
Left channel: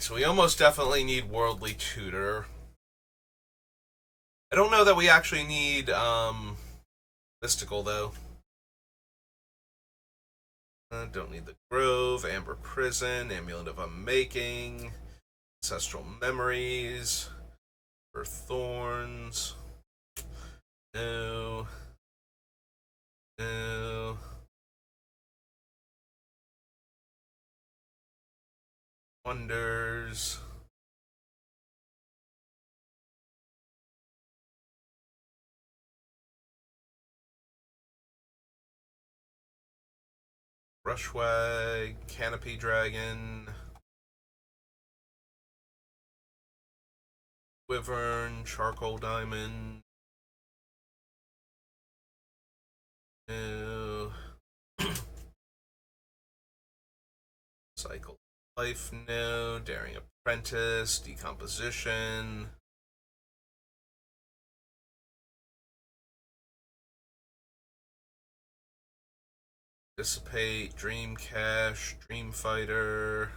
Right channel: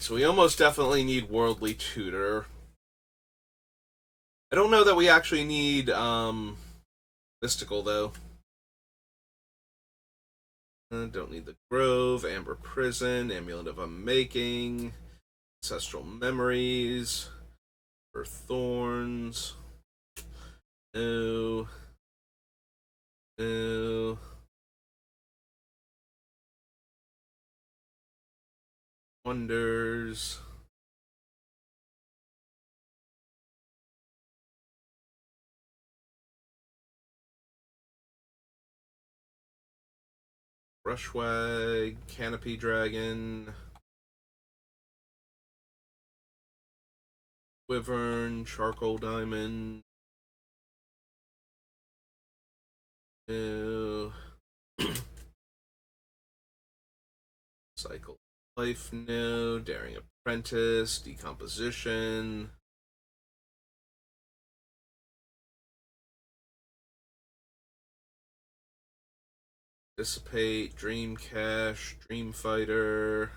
so we almost definitely need Worldly Tutor. I don't know that we actually need Mystical, though. Don't need the Grove, Amber Prison, Amulet of Unmaking, Ancestral Memories, Earth Thorns. No. No. Wonders. Brushwag, Canopy Dragon, Wyvern, Charcoal Diamond. No. Cycle Life, no. Daring Apprentice, Decomposition. Dissipate, Dream Cache, Dream Fighter.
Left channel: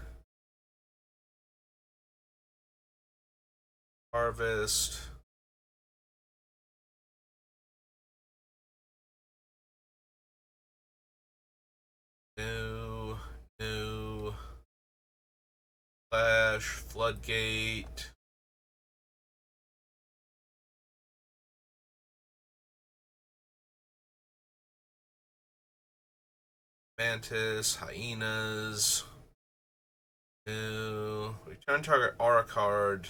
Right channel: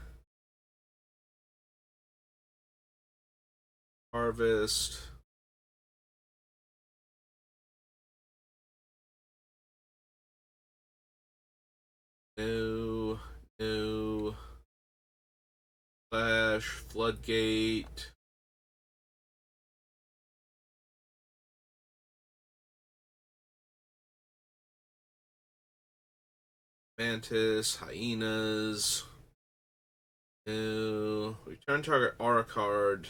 Harvest. No. No. Flash, Floodgate. Mantis, Hyenas. No. Return target aura card.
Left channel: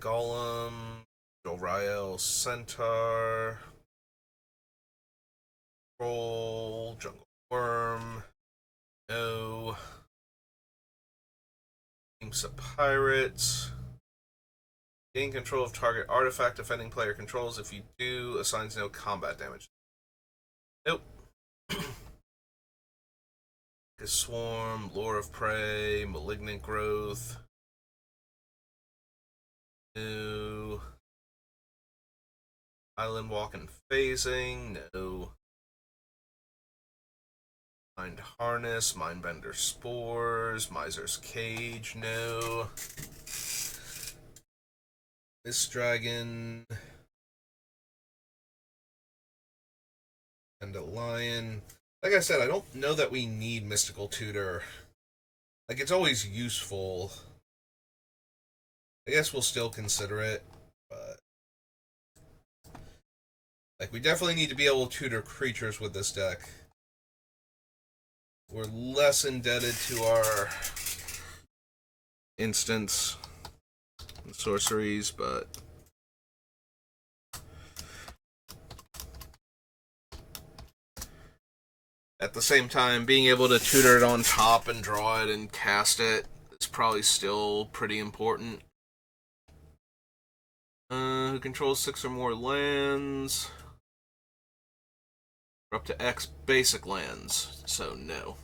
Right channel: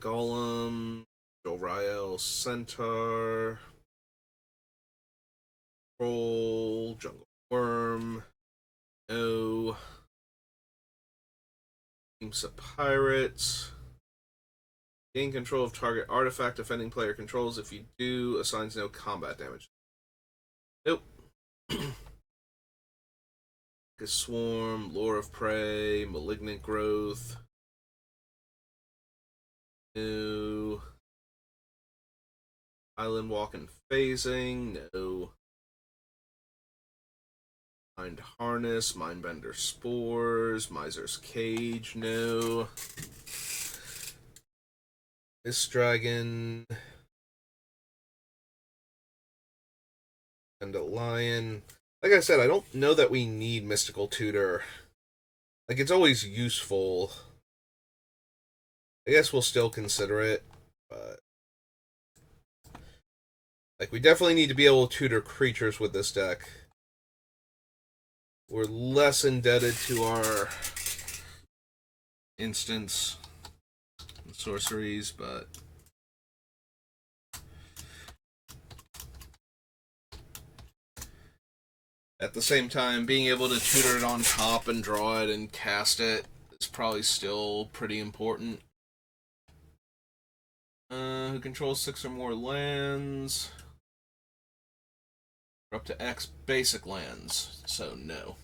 Golem, Joriel, Centaur, Troll, Jungle Worm, no. Teams of Pirates. Gain control of target artifact defending player controls. If you do, assigns no combat damage. Nope. Swarm, Lure of Prey, Malignant Growth. No. Island Walk and Phasing. No. Mind Harness, Mindbender Spores, Miser's Cage, no. This dragon. And a lion. Like I said, I don't know that we need Mystical Tutor. Like, it's always useful. I guess we'll still consider it, but like, we definitely need to be able to tutor creatures with this deck. We're less indebted to our instants and sorceries, but at the same time, being able to tutor it on top and draw it and cast it is probably still pretty important. Who controls 6 or more lands? We're up to X basic lands, so no.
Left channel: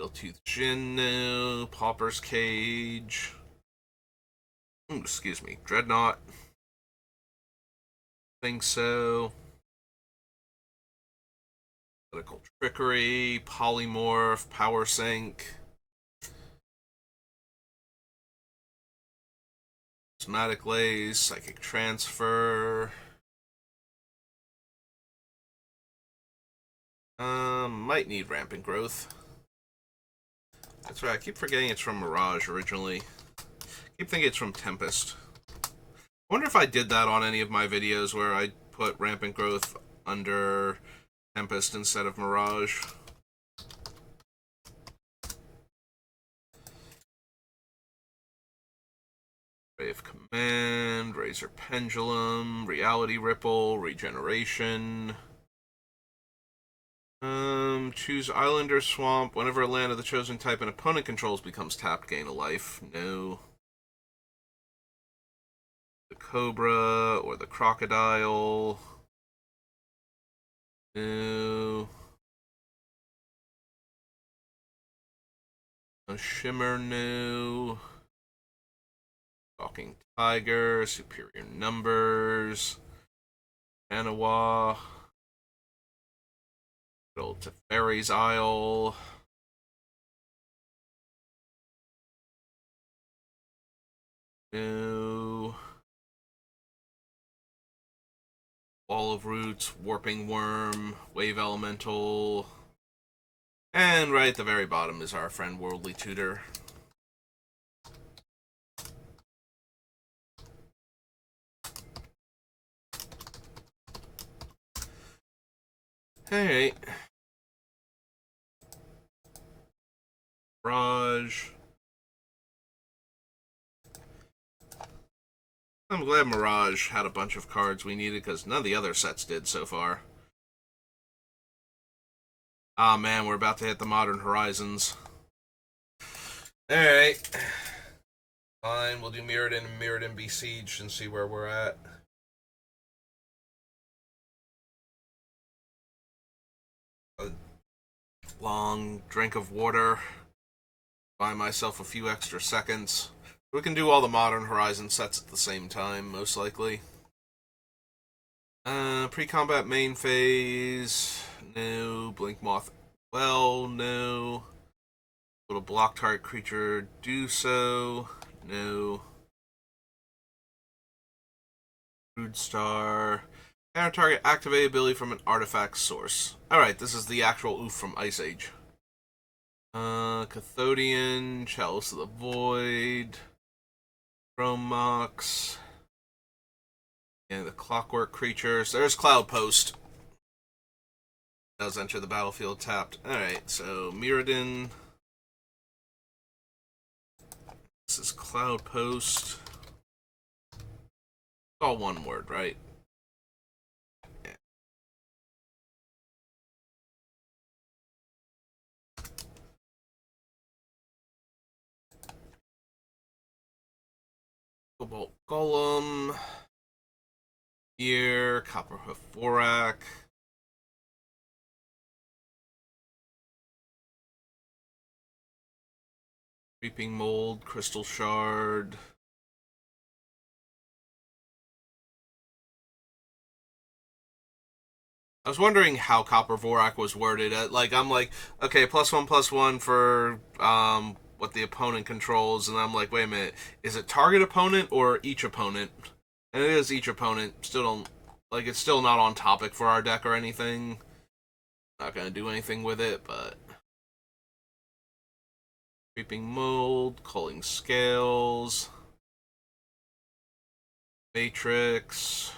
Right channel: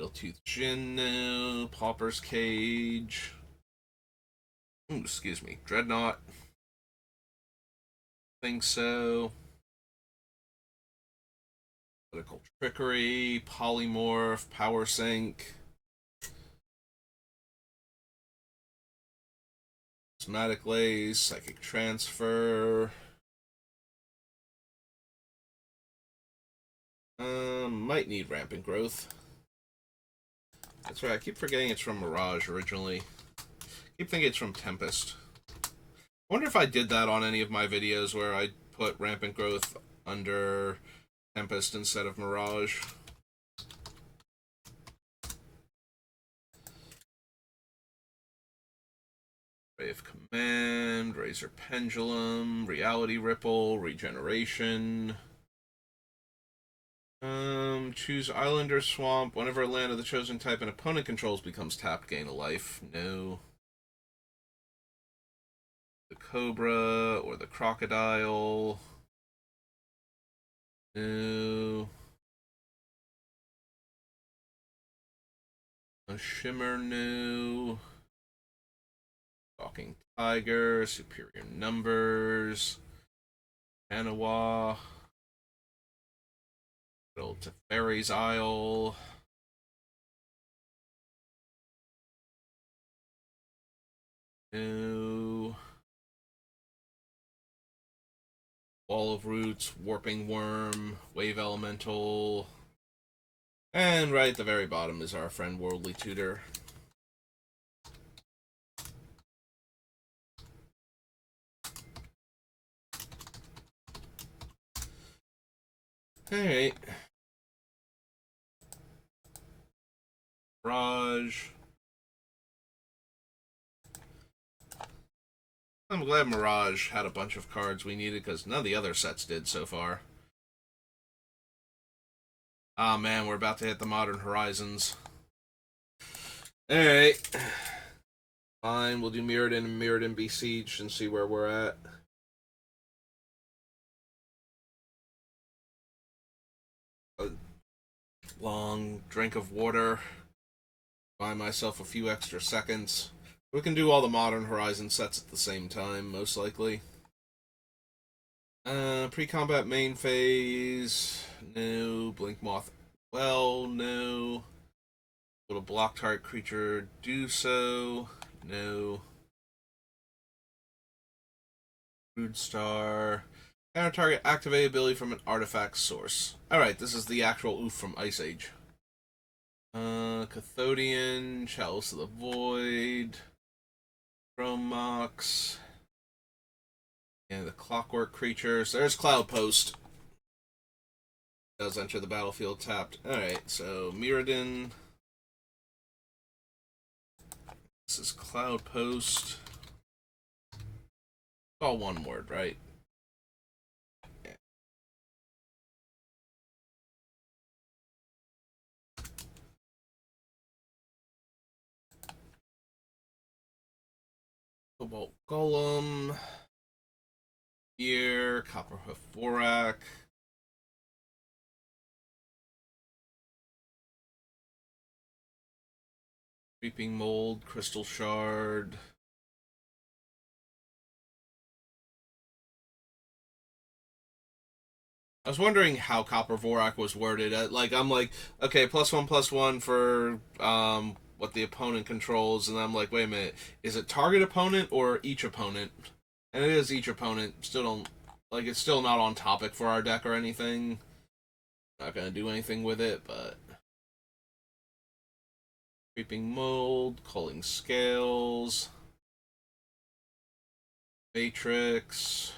Middletooth Jin, no. Pauper's Cage. Ooh, excuse me. Dreadnought. Think so. Political Trickery, Polymorph, Power Sink. Prismatic Lace, Psychic Transfer. Might need Rampant Growth. That's right, I keep forgetting it's from Mirage originally. I keep thinking it's from Tempest. I wonder if I did that on any of my videos where I put Rampant Growth under Tempest instead of Mirage. Ray of Command, Razor Pendulum, Reality Ripple, Regeneration. Choose Island or Swamp. Whenever a land of the chosen type an opponent controls becomes tapped, gain a life. No. The Cobra or the Crocodile. No. A Shimmer, no. Talking Tiger, Superior Numbers. Anawa. Go to Fairy's Isle. No. Wall of Roots, Warping Worm, Wave Elemental. And right at the very bottom is our friend Worldly Tutor. Alright. Mirage. I'm glad Mirage had a bunch of cards we needed because none of the other sets did so far. Ah, man, we're about to hit the Modern Horizons. Alright. Fine, we'll do Mirrodin and Mirrodin Besieged and see where we're at. A long drink of water. Buy myself a few extra seconds. We can do all the Modern Horizon sets at the same time, most likely. Pre-combat main phase. No. Blink Moth. Well, no. Little block target creature. Do so. No. Rude Star. Counter target activate ability from an artifact source. Alright, this is the actual oof from Ice Age. Cathodian. Chalice of the Void. Chrome Mox. And the Clockwork Creatures. There's Cloud Post. Does enter the battlefield tapped. Alright, so Mirrodin. This is Cloud Post. It's all one word, right? Yeah. Cobalt Golem. Here, Copperhoof Vorak. Reaping Mold, Crystal Shard. I was wondering how Copper Vorak was worded. Like, I'm like, okay, +1/+1 for what the opponent controls, and I'm like, wait a minute, is it target opponent or each opponent? And it is each opponent. Still don't like it's still not on topic for our deck or anything. Not gonna do anything with it, but creeping mold, culling scales, matrix,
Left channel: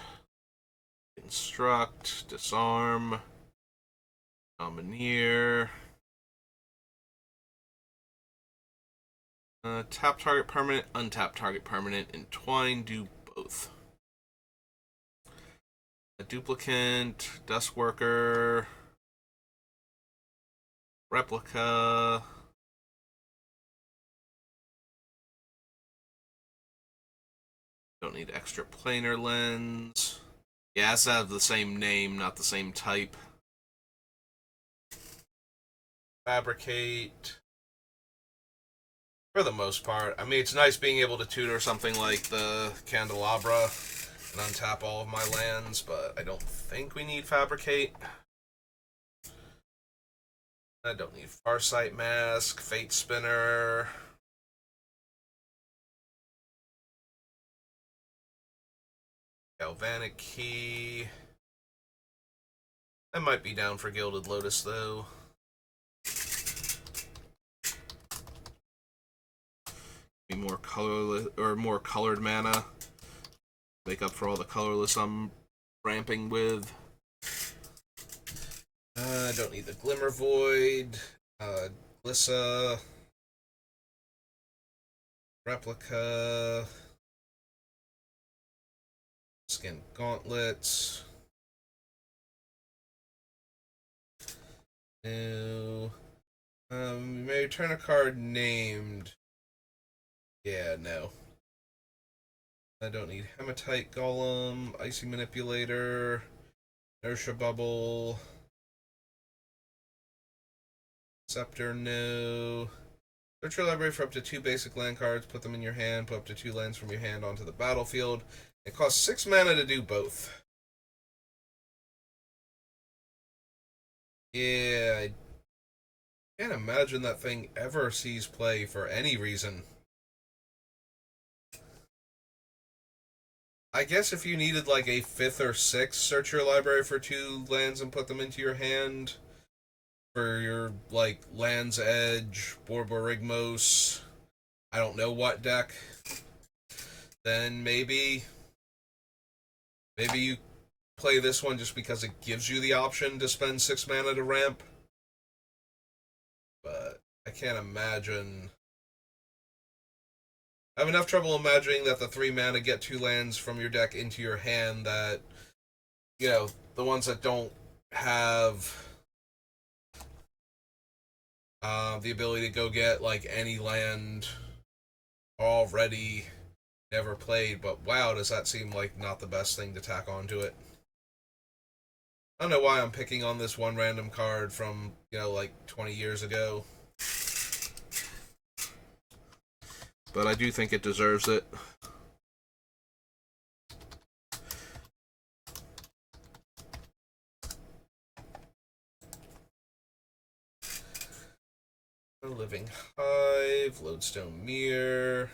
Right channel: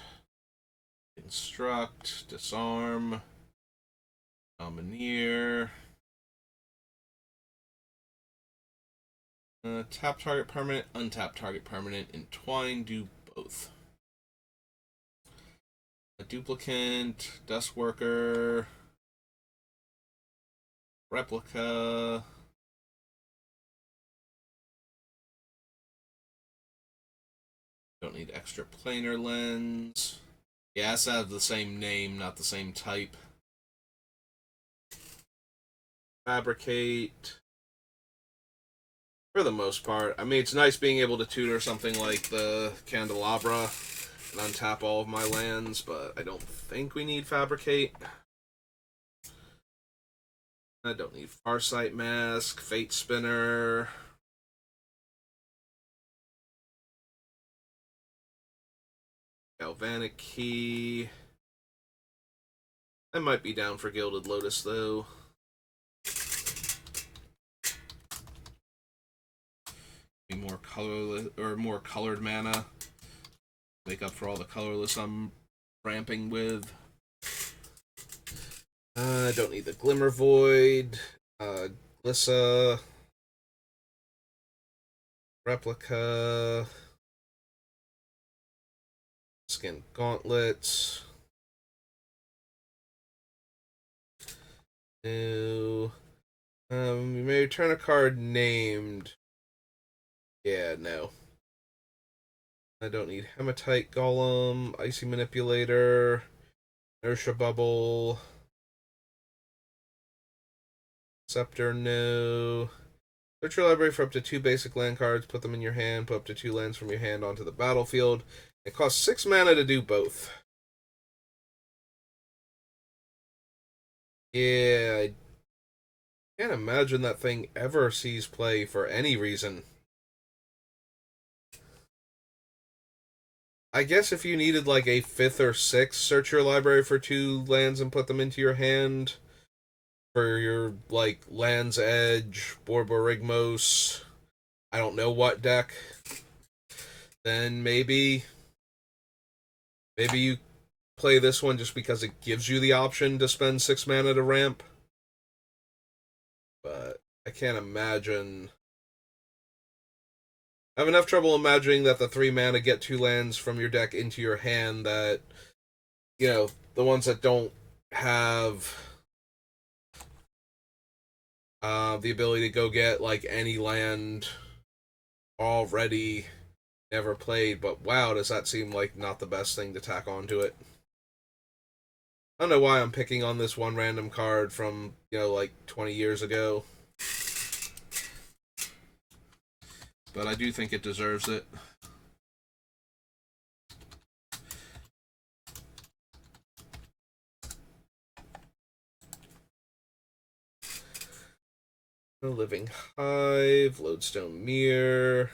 instruct, disarm, domineer. Tap target permanent, untap target permanent, entwine, do both. A duplicant, dust worker, replica. Don't need extra planar lens. Yeah, it has to have the same name, not the same type. Fabricate. For the most part. I mean, it's nice being able to tutor something like the Candelabra and untap all of my lands, but I don't think we need Fabricate. I don't need Farsight Mask, Fate Spinner. Galvanic Key. I might be down for Gilded Lotus, though. Be more colorless or more colored mana. Make up for all the colorless I'm ramping with. I don't need the Glimmer Void. Glissa. Replica. Skin Gauntlets. No. You may return a card named. Yeah, no. I don't need Hematite Golem, Icy Manipulator, Inertia Bubble, Scepter, no. Search your library for up to 2 basic land cards, put them in your hand, put up to 2 lands from your hand onto the battlefield. It costs 6 mana to do both. Yeah, I can't imagine that thing ever sees play for any reason. I guess if you needed like a 5th or 6th, search your library for 2 lands and put them into your hand for your like Land's Edge, Borborygmos, I don't know what deck, then maybe you play this one just because it gives you the option to spend 6 mana to ramp. But I can't imagine. I have enough trouble imagining that the 3 mana get 2 lands from your deck into your hand that, you know, the ones that don't have the ability to go get like any land already never played, but wow, does that seem like not the best thing to tack onto it. I don't know why I'm picking on this one random card from, you know, like 20 years ago. But I do think it deserves it. Living Hive, Lodestone Mirror,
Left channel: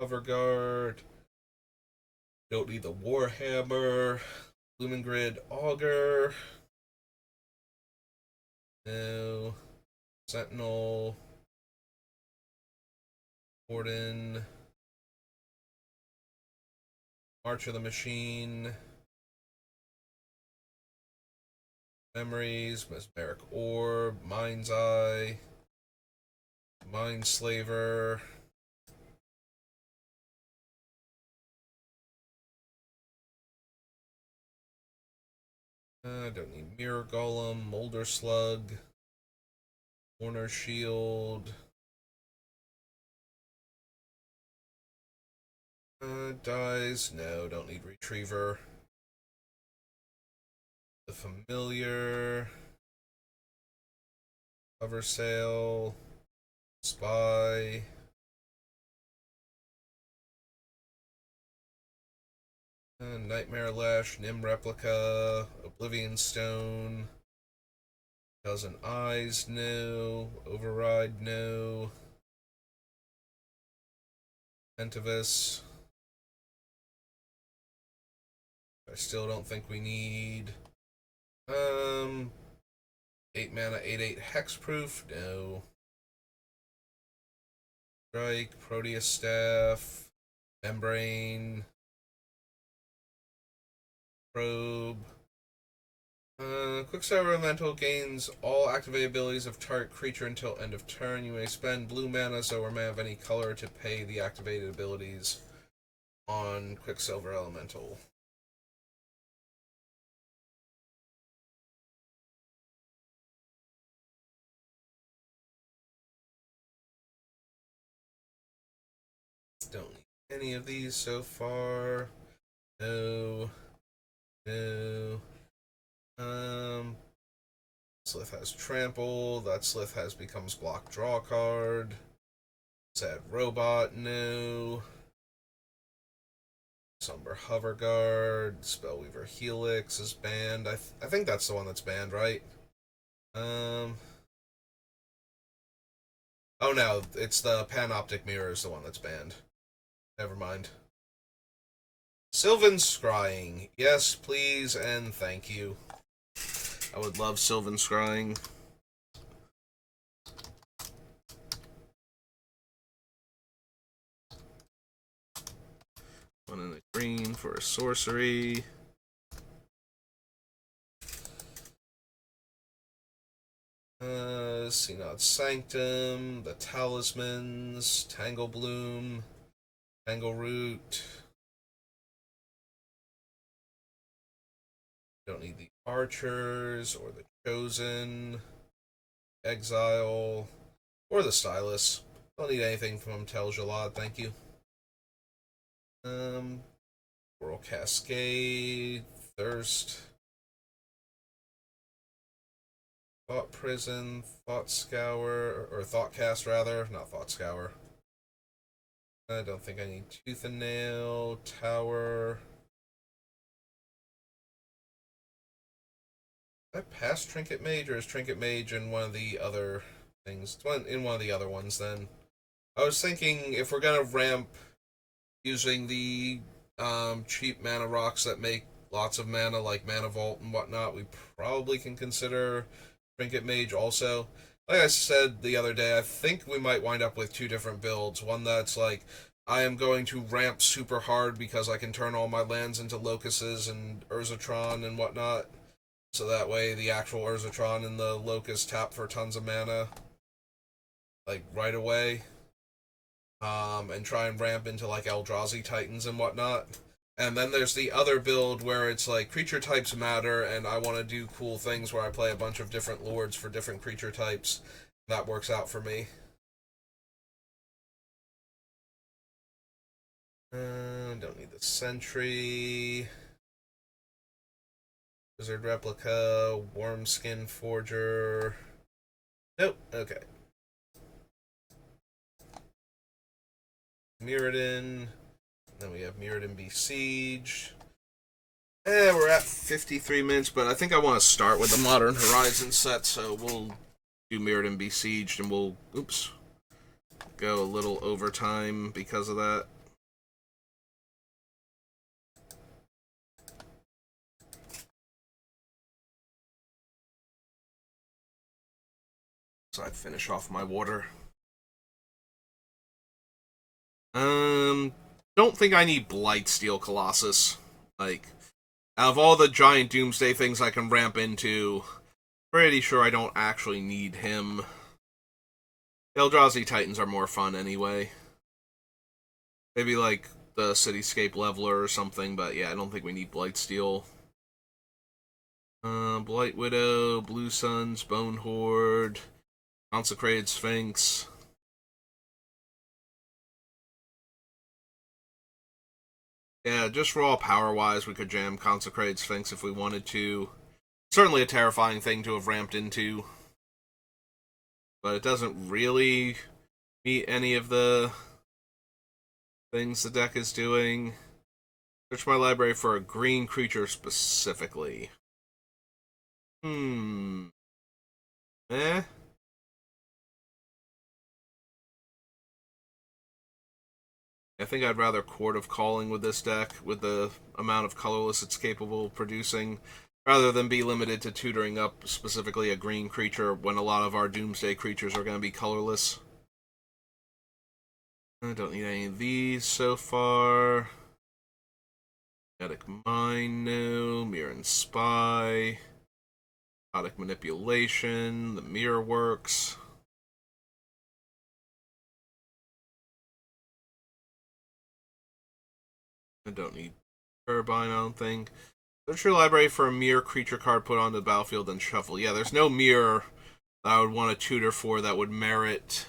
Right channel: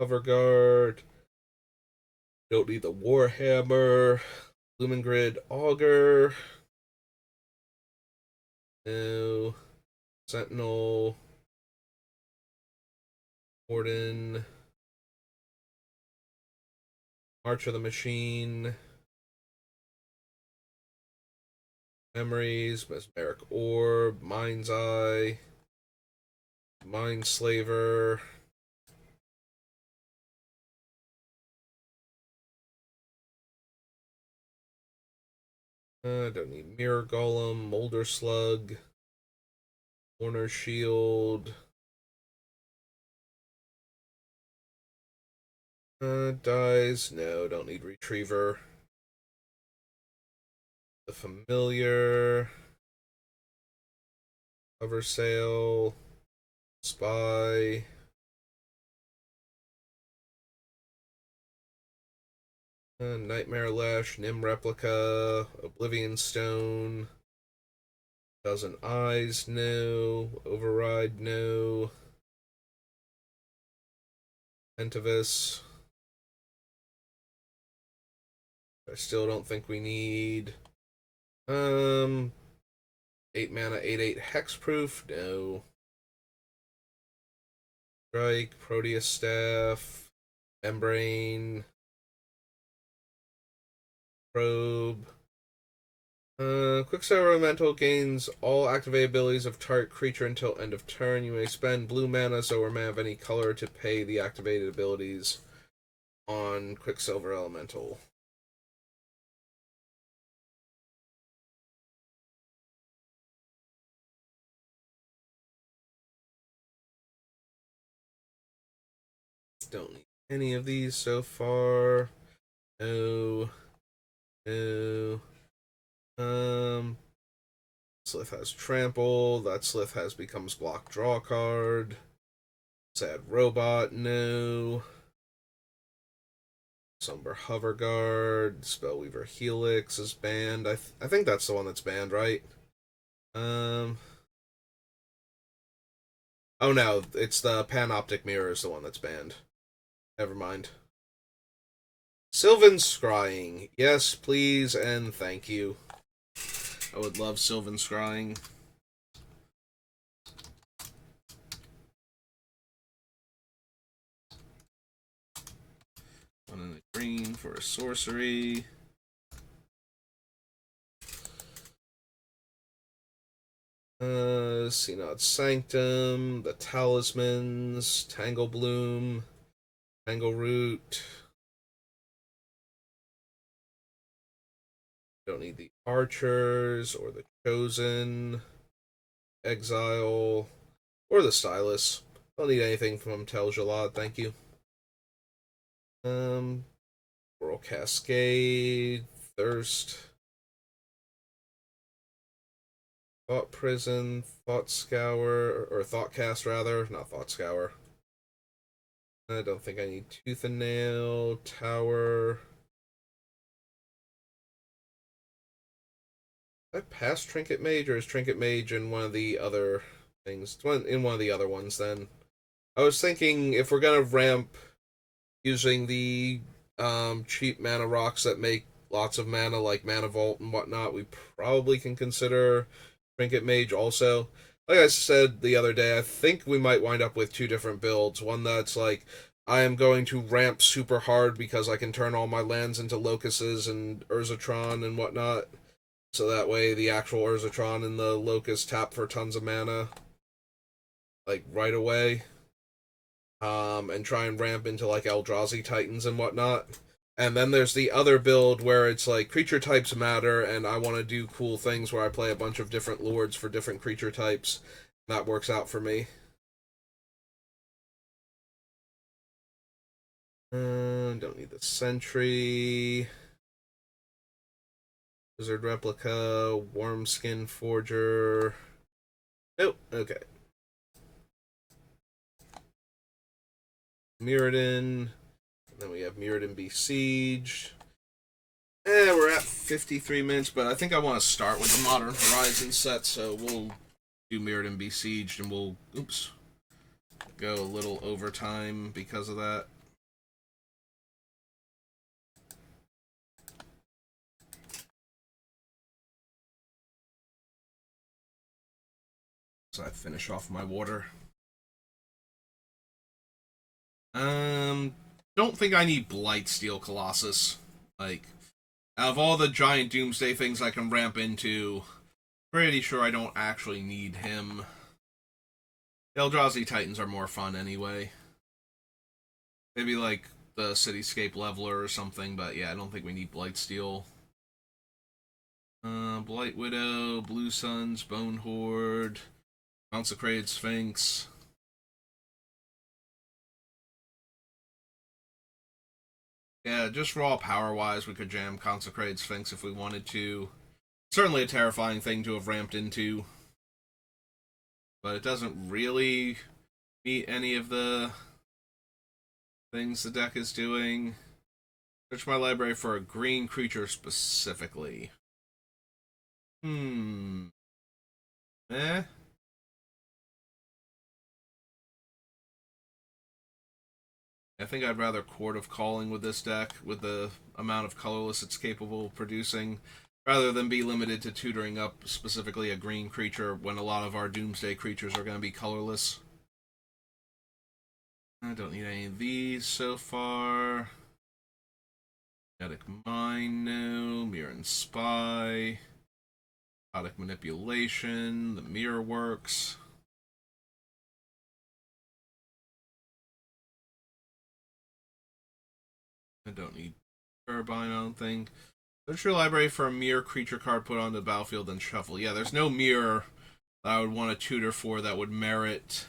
Cover Guard. Don't need the Warhammer, Lumen Grid Augur. No. Sentinel. Warden. March of the Machine. Memories, Mesmeric Orb, Mind's Eye, Mind Slaver. I don't need Mirror Golem, Molder Slug, Warner Shield. Dies. No, don't need Retriever. The Familiar. Cover Sale. Spy. Nightmare Lash, Nim Replica, Oblivion Stone, Dozen Eyes, no. Override, no. Pentavis. I still don't think we need. 8 mana, 8/8 Hexproof, no. Strike, Proteus Staff, Membrane, Probe. Quicksilver Elemental gains all activated abilities of target creature until end of turn. You may spend blue mana, so or may have any color to pay the activated abilities on Quicksilver Elemental. Don't need any of these so far. No. No. Slith has Trample. That Slith has becomes block draw card. Sad Robot, no. Somber Hover Guard. Spellweaver Helix is banned. I think that's the one that's banned, right? Oh no, it's the Panoptic Mirror is the one that's banned. Never mind. Sylvan Scrying. Yes, please, and thank you. I would love Sylvan Scrying. One in the green for a sorcery. Synod Sanctum, the Talismans, Tangle Bloom, Tangle Root. Don't need the Archers or the Chosen, Exile, or the Stylus. Don't need anything from Tel Jalad, thank you. Coral Cascade, Thirst, Thought Prison, Thought Scour, or Thought Cast rather, not Thought Scour. I don't think I need Tooth and Nail, Tower. Did I pass Trinket Mage, or is Trinket Mage in one of the other things? In one of the other ones, then. I was thinking if we're gonna ramp using the cheap mana rocks that make lots of mana, like Mana Vault and whatnot, we probably can consider Trinket Mage also. Like I said the other day, I think we might wind up with two different builds. One that's like, I am going to ramp super hard because I can turn all my lands into Locusts and Urzatron and whatnot. So that way the actual Urzatron and the Locust tap for tons of mana, like, right away. And try and ramp into, like, Eldrazi Titans and whatnot. And then there's the other build where it's like creature types matter, and I want to do cool things where I play a bunch of different lords for different creature types. That works out for me. Don't need the Sentry. Wizard Replica, Wormskin Forger. Nope, okay. Mirrodin. Then we have Mirrodin Besiege. We're at 53 minutes, but I think I want to start with the Modern Horizon set, so we'll do Mirrodin Besieged, and we'll, go a little overtime because of that. So I finish off my water. Don't think I need Blightsteel Colossus. Like, out of all the giant Doomsday things I can ramp into, pretty sure I don't actually need him. Eldrazi Titans are more fun anyway. Maybe like the Cityscape Leveler or something, but yeah, I don't think we need Blightsteel. Blight Widow, Blue Suns, Bone Horde, Consecrated Sphinx. Yeah, just raw power-wise, we could jam Consecrated Sphinx if we wanted to. Certainly a terrifying thing to have ramped into. But it doesn't really meet any of the things the deck is doing. Search my library for a green creature specifically. Eh? I think I'd rather Court of Calling with this deck, with the amount of colorless it's capable of producing, rather than be limited to tutoring up specifically a green creature when a lot of our Doomsday creatures are going to be colorless. I don't need any of these so far. Kinetic Mind, no. Mirror and Spy. Hypnotic Manipulation. The Mirror works. I don't need Turbine, I don't think. Search your library for a mirror creature card put on the battlefield and shuffle. Yeah, there's no mirror that I would want to tutor for that would merit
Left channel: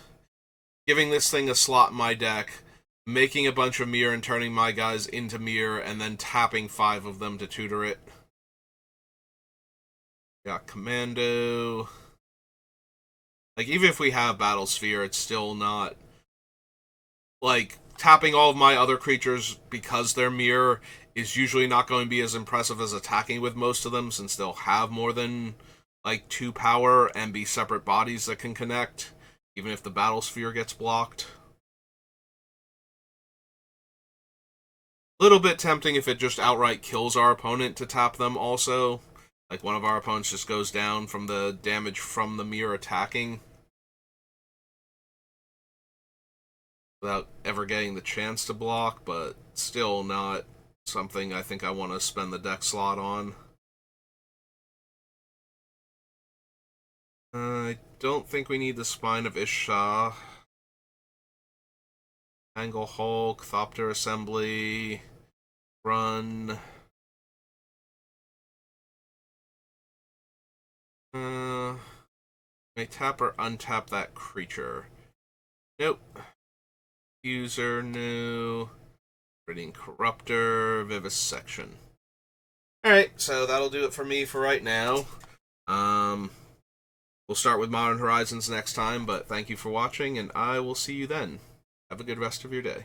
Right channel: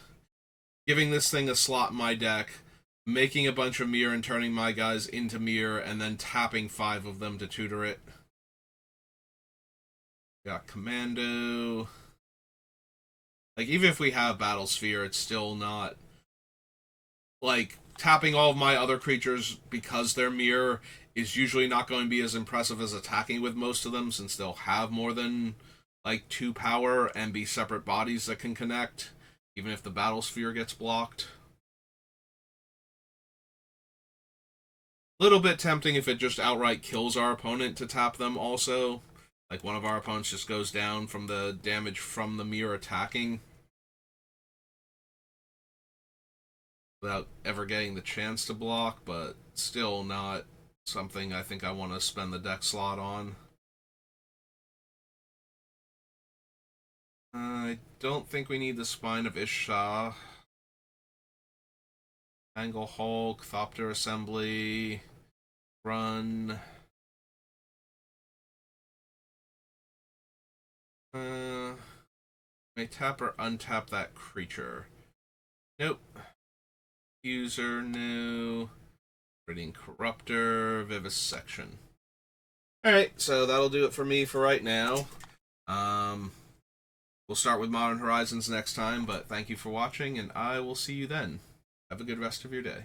giving this thing a slot in my deck, making a bunch of mirror and turning my guys into mirror, and then tapping 5 of them to tutor it. Got Commando. Like, even if we have Battle Sphere, it's still not... Like, tapping all of my other creatures because they're mirror is usually not going to be as impressive as attacking with most of them, since they'll have more than, like, 2 power and be separate bodies that can connect, even if the Battle Sphere gets blocked. Little bit tempting if it just outright kills our opponent to tap them also. Like, one of our opponents just goes down from the damage from the mirror attacking without ever getting the chance to block, but still not something I think I want to spend the deck slot on. I don't think we need the Spine of Ishah. Angle Hulk, Thopter Assembly, Run. May tap or untap that creature. Nope. User, no. Reading Corruptor, Vivisection. Alright, so that'll do it for me for right now. We'll start with Modern Horizons next time, but thank you for watching, and I will see you then. Have a good rest of your day.